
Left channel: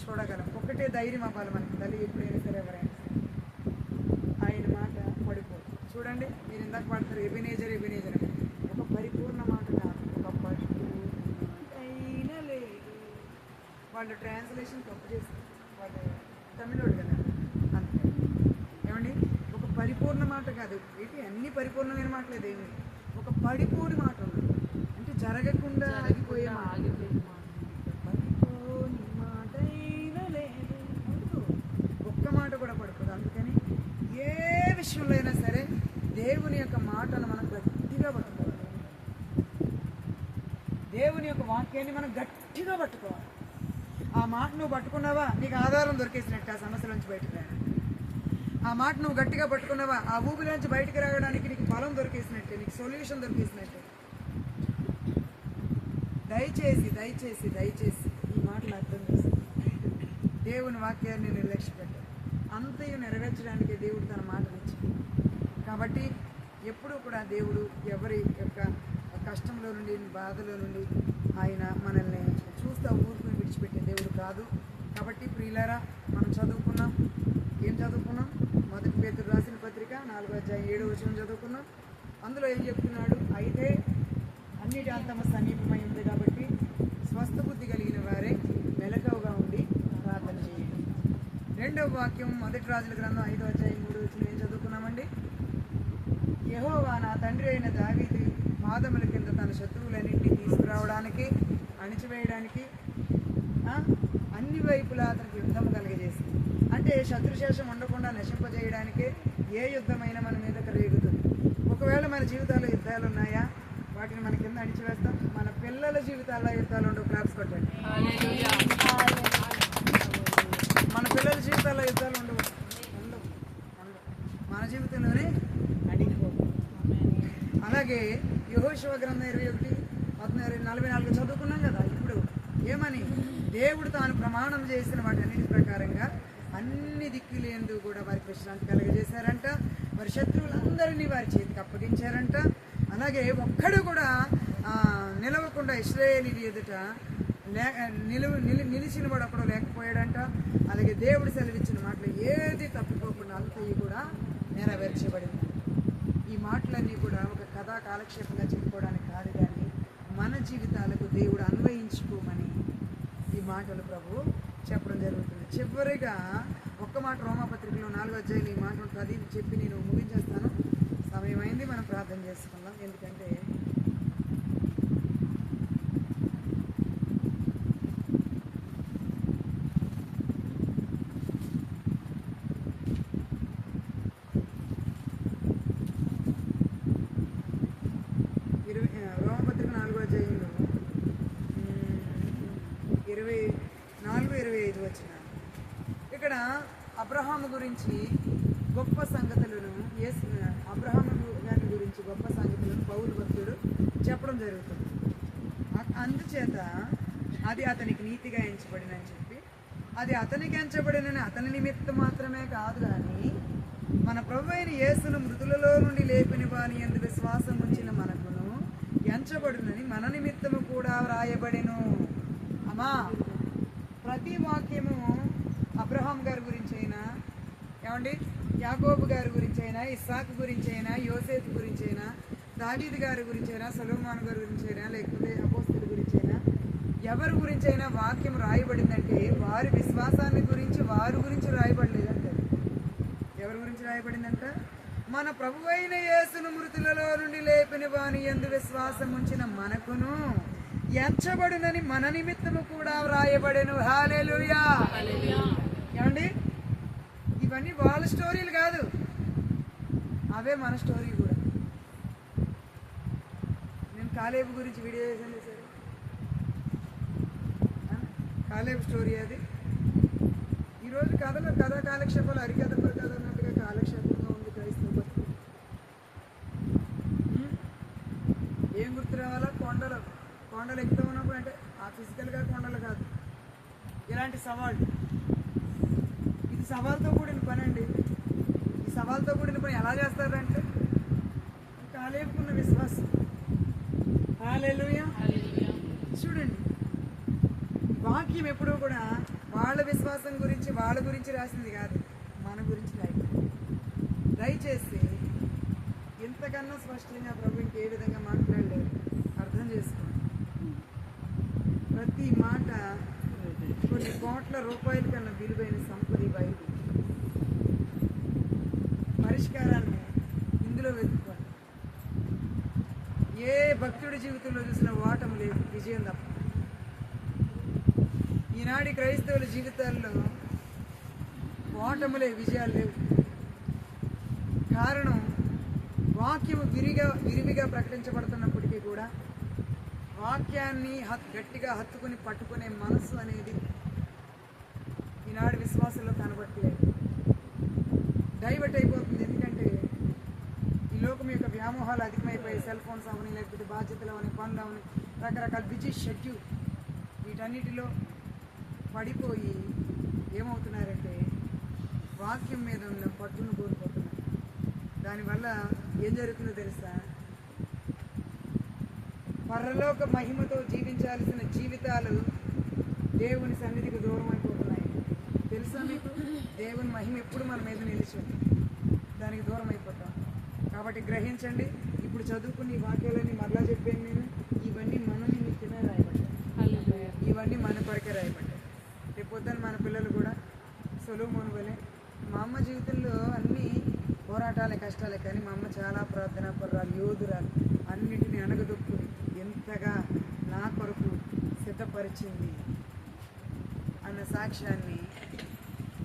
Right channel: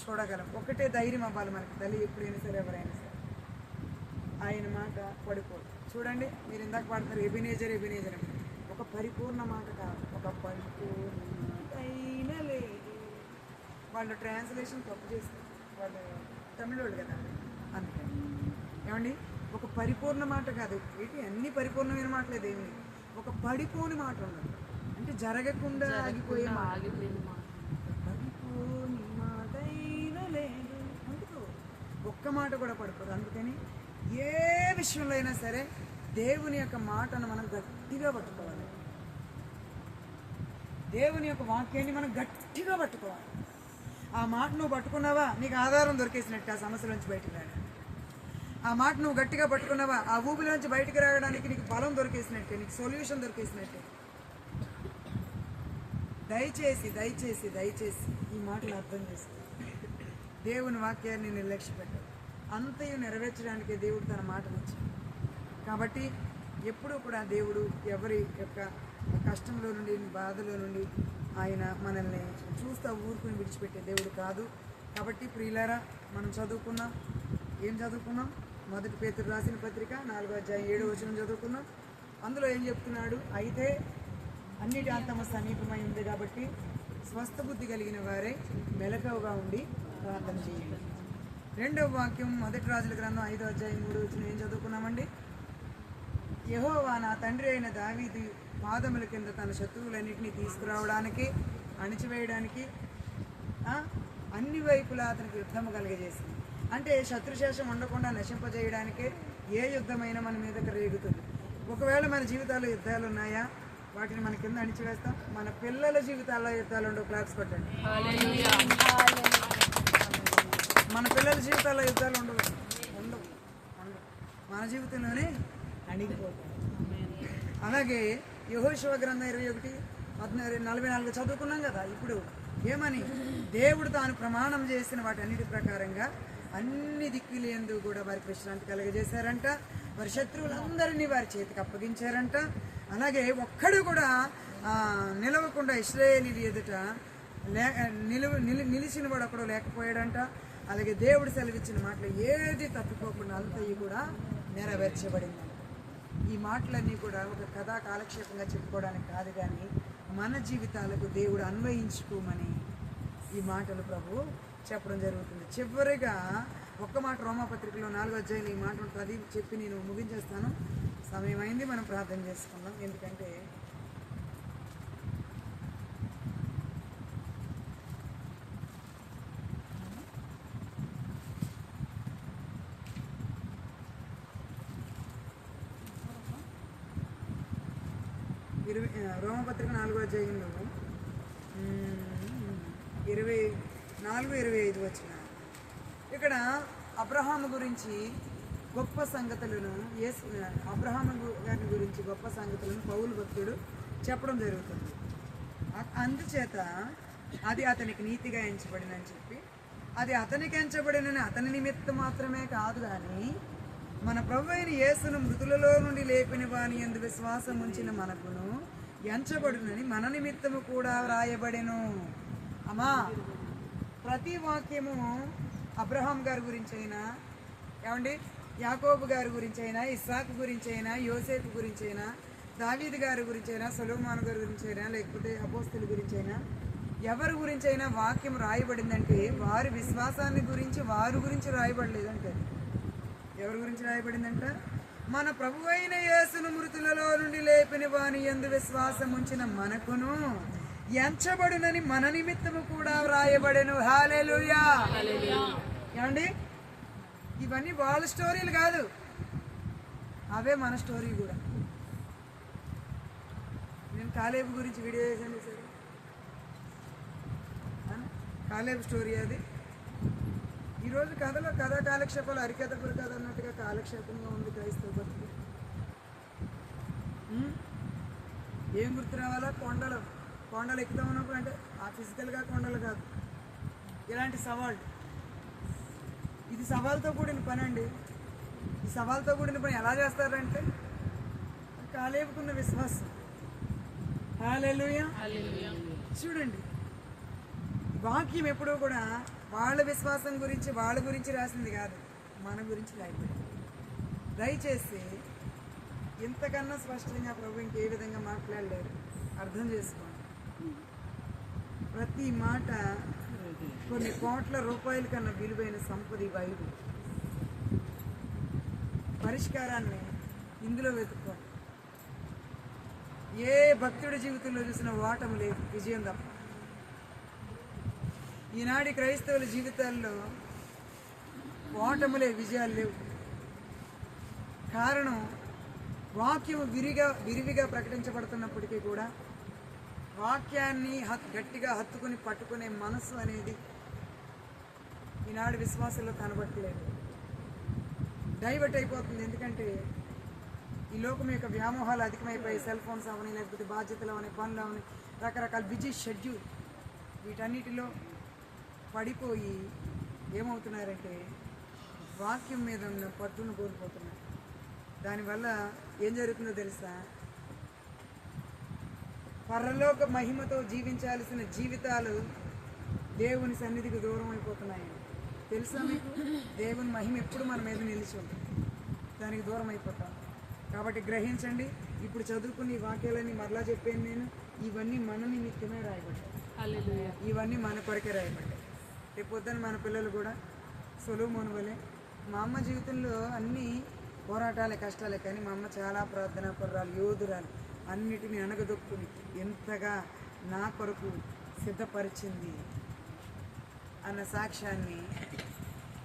చూడగలం. ఒకటే ధైర్యం అవ్వాలి మనకి, తల్లి ఎప్పుడైనా సరే ఎవరైనా సరే ఆయన మాట పడిపోదు. చూడండి, మీరు ఇందాక పాడతారు ఎబినేజర్ అని. ఒక పరిపూర్ణ మాట కాదు, ఒక పరిపూర్ణ అయిన లేదు. వాళ్ళు ట్రాన్స్లేషన్ తప్పు చేస్తారు, వాళ్ళు తమిళోళ్ళు కదా, అందుకని ఏమండి ఒక పరిపూర్ణ మాట కాదు. ఏంటి అన్ని పరిపూర్ణమైన మాటలే దేవుని. ఒక పడిపోని మాట ఉండదు, అంటే జరగకుండా ఆగిపోయే మాట. పడిపోని మాట అయినా లేదు ఉండదు, ఒక్క మాట కూడా పడిపోదు. అందుకని ఏ విషయంలో అయినా సరే దేవుని యొక్క మాటను మనం గట్టిగా పట్టుకోవాలి. దేవుని యొక్క వాక్యాన్ని మనం గట్టిగా పట్టుకోవాలి. ఆ మాట నువ్వు పట్టుకున్నావా, నీకు ఆధారం దొరికేసినట్టు ఆ సమస్య నుంచి బయటకు రావడానికి. ఆ మాట నువ్వు గట్టిగా పట్టుకున్నావా, ఆ ఊపిలోంచి బయటకు రావడానికి నీకు బలం దొరికేసినట్టే, నీకు సొల్యూషన్ దొరికేసినట్టే. దయచేసి దయచేసి దయచేసి ఈ మాటలు అర్థం చేసి దేవుని వాక్యాన్ని నిర్లక్ష్యపెట్టాడు. అంతయు నెరవేర్చడానికి దేవుడు తన మాటనిచ్చాడు. కాబట్టి ఎప్పుడూ కూడా దేవుడు ఎవరి యొక్క కష్టంలో నుండి, బాధలో నుండి ఆయన మనల్ని చూస్తా ఊరుకుని విడిచిపెట్టే దేవుడు కాదు. కాబట్టి ప్రియులారా, మనం చదువుకున్నాం, ఏం చదువుకున్నాం? మొదటి పేతురు రాసిన పత్రిక 4:7 చదువుకున్నాం. అందులో ఏం చెప్తున్నాడు? అయితే అన్నిటి అంతమ సమీపమై ఉంది కాబట్టి స్వస్థ బుద్ధి కలిగిన వారే మెలకువగా ఉండి ప్రార్థన చేయండి. రెండవ వాక్యం మొదటి రాజుల గ్రంథం 5:3 ఏం చదువుకున్నామండి? యెహోవా నా తండ్రి అయిన దావీదు పాదముల కింద తన శత్రువులన్నింటినీ తీసుకురావడానికి, అణిచివేయడానికి అన్ని వైపులా అతనికి యుద్ధం కలిగజేసింది. అంటే శత్రుశేషం ఉండకుండా నశింపజేయడానికే ఏ యుద్ధమైనా మన మీదకి రేగుతుంది. ఒకవేళ మన జీవితాల్లో యుద్ధాలు ఉన్నాయా, వాటిని మన కింద అణిచివేస్తాం. మన పిల్లల జీవితాల్లో యుద్ధాలు ఉండవు. క్లాప్స్ కొట్టండి. మన పిల్లల జీవితాల్లో యుద్ధాలు ఉండవు. మన జీవితంలోనే అణిగిపోతాయి. అలాగే యెహోషువ గ్రంథం 21:44 చదువుకున్నాం కదా. ఇప్పుడు ఏమని? దేవుడు తాను ప్రమాణం చేసిన వాటన్నిటి ప్రకారంగా అన్ని దిక్కులందు కూడా వారికి విశ్రాంతి కలుగజేశారంట. వారి శత్రువులందరినీ వారి చేతికి అప్పగించారంట. అలాగే ఒక్కడు కూడా నిలవకుండా ఇశ్రాయేలీయుల ఎదుట నిలిచిన వాడు అక్కడ లేకపోయాడంట. అలాగే దేవుడు సెలవిచ్చిన మాటలు ఏది తప్పిపోకుండా అంతయ్యి కూడా నెరవేర్చబడిందంట. ఈ మాటలన్నీ కూడా ఒక కథా కాలక్షేపంగా చెప్పుకోవడానికి కాదు, కానీ మన జీవితాలకు దేవుడు అన్వయించుకోమని ఈ మాటలు ప్రభు చెప్పడం జరుగుతుంది. చివరిగా ఒక్క మాట రోమాపత్రికలో 4 ఈ మాట ఉంటుంది. అది చెప్పి నేను ముగించేస్తాను. సమయం అయింది, మనం ప్రార్థన చేసుకుందాం. ఎందుకంటే రోమపత్రిక 4:5 24-25 ఇక్కడ అబ్రహాము గురించి గొప్ప సంగతులను అబ్రహాము గారి గురించి గొప్ప సంగతులను పౌలు భక్తుడు చెప్పడం జరుగుతుంది. అందుచేత అది అతనికి నీతిగా ఎంచబడినని చెప్పి, అది అతనికి ఎంచబడినని అతని నిమిత్తం మాత్రమే కాదు, కానీ మన ప్రభువైన యేసును మృతులలో నుండి లేపిన వాని యందు విశ్వాసం ఉంచిన మనకును ఎంచబడునని మన నిమిత్తము కూడా వ్రాయబడెను. అమ్మా, ప్రతి వాక్యము అబ్రహాం గారి గురించి అయినా, ఏమండి, యాకోబు గారి గురించి అయినా, ఇస్సాకు గురించి అయినా, యోసేపు గురించి అయినా, దావీదు గారి గురించి అయినా, సొలొమోను గారి గురించి అయినా, లేకపోతే అపోస్తలుల గురించి అయినా, ఎవరి గురించి అయినా వాక్యం రాయబడిందంటే వారి విశ్వాసాన్ని గురించి, వారి గురించి రాయబడలేదంటే ఎవరి గురించి రాయబడిందంట? మన ప్రభువైన యేసును మృతులలో నుండి లేపిన వాని యందు విశ్వాసం ఉంచిన మనకును ఎంచబడునని మన నిమిత్తము కూడా వ్రాయబడెను. హల్లెలూయా. ఏమండి, ఇవన్నీ వాళ్ళ స్టోరీలు కాదు, అవే మన స్టోరీ కూడా. నేను కాలేబు గురించి వీడియో చేశాను సార్. కాలేబు స్టోరీ అది. ఈరోజు కథలో కథా కాలక్షేపాలు హరికథ కథ అన్నట్టుగా కాలక్షేపంగా ఉంది క్రైస్తవ బతుకు. ఏం గుర్తు రావాలా? కొండలు ఎక్కుతూ ఉన్నప్పుడు, అంటే ఆ ఫిజికల్గా కొండలు కాదు, ఇలాంటి సవాళ్ళు. ఇది సవాల్తో కూడిన పని అండి. ఈ సవాల్తో కూడిన పని ఎలా చేస్తారంటే కాలేపుకున్న విశ్వాసం. హల్లెలూయా. చూడండి, వాక్యం ఎప్పుడూ కూడా వాళ్ళ విశ్వాసం గురించి, వాళ్ళ గురించి రాసింది కాదు, మన గురించి రాయబడింది. దయచేసి ఇంతకన్నా స్పష్టంగా ప్రభు ఇంకే విధంగా మాట్లాడలేరు. అర్థం చేసుకోండి. ప్రతి మాట కొన్ని కోట్ల రూపాయల కన్నా విలువైన సంపద ఈ బైబిల్. పరిష్కారాన్ని ఇందులో వెతుక్కోండి. ఏ భక్తుడి జీవితంలో చూసిన ఓటమి లేదు, విజయం తప్ప. ఈనాటి క్రైస్తవుల జీవితాల్లో ఓటములే, విజయాలు లేవు. కారణం, వాక్యము విరివిగా ప్రకటించబడుతున్నప్పటికీ కూడా వాక్యాన్ని గట్టిగా హత్తుకుని పట్టుకునే మనసు అనేది ఈనాడు విశ్వాసంలో కనబట్టలేదు. డైవర్ట్ అయిపోతుంది. ఎందుకంటే ఈ లోకం యొక్క వ్యామోహాలు అధికమైపోయి, సెల్ ఫోన్స్ అవని, లేకపోతే బాధ్యతలు అవని, పనులు అవని, రకరకాల బిజీ షెడ్యూల్, వీటన్నిటిలో పడిపోయి ఏమవుతున్నారంటే వాక్యం మీద ఉన్న పట్టును కోల్పోతున్నారు. దానివల్ల ఏం జరుగుతుందో తెలుసా? పరలోక మహిమతో జీవించాల్సిన జీవితాలు దేవుని సన్నిధికి దూరం అయిపోతున్నాయి. తెలుసా మీకు? దేవుని మహిమ ఎప్పుడు మన మీద నిలిచి ఉంటుంది, దానికి దూరం అయిపోతాం. కాబట్టి గ్రహించండి. ఇప్పుడు చదువుకుని ఈ వాక్యాలన్నీ మరలా చెప్పాను నేను. ఇవన్నీ మన నిమిత్తమే రాయబడ్డాయి, ఇవన్నీ మన కొరకే రాయబడ్డాయి. రేపు పొద్దున మన పిల్లలు కూడా సొలొమోను వలె. మా అమ్మ జీవితంలో అన్నీ పోరాటాలే, కష్టాలే, కానీ మా అమ్మ చాలా ప్రార్థనా పరురాలు, యోధురాలు. అన్నిటినీ అణగదొక్కుని ఎంతగా నా కొరకు సిద్ధపరిచింది అన్న సాక్ష్యాన్ని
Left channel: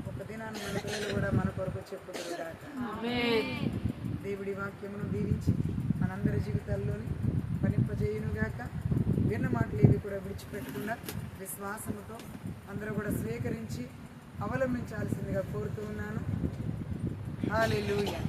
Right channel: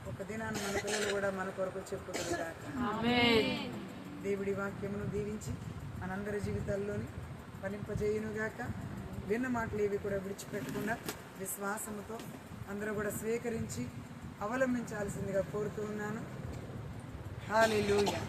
ఒక దినాన్ని మన పిల్లలు కూడా మన కొరకు చెప్పుదురు గాక. దేవుడి వాక్యమును దీవించి మనందరి జీవితాల్లోని ఫలింపజేయునుగాక. విన్న మాటలు ఇవి కూడా విడిచిపెట్టకుండా విశ్వాసముతో అందరూ కూడా స్వీకరించి అవలంబించాల్సిందిగా కోరుతూ ఉన్నాను. హల్లెలూయా.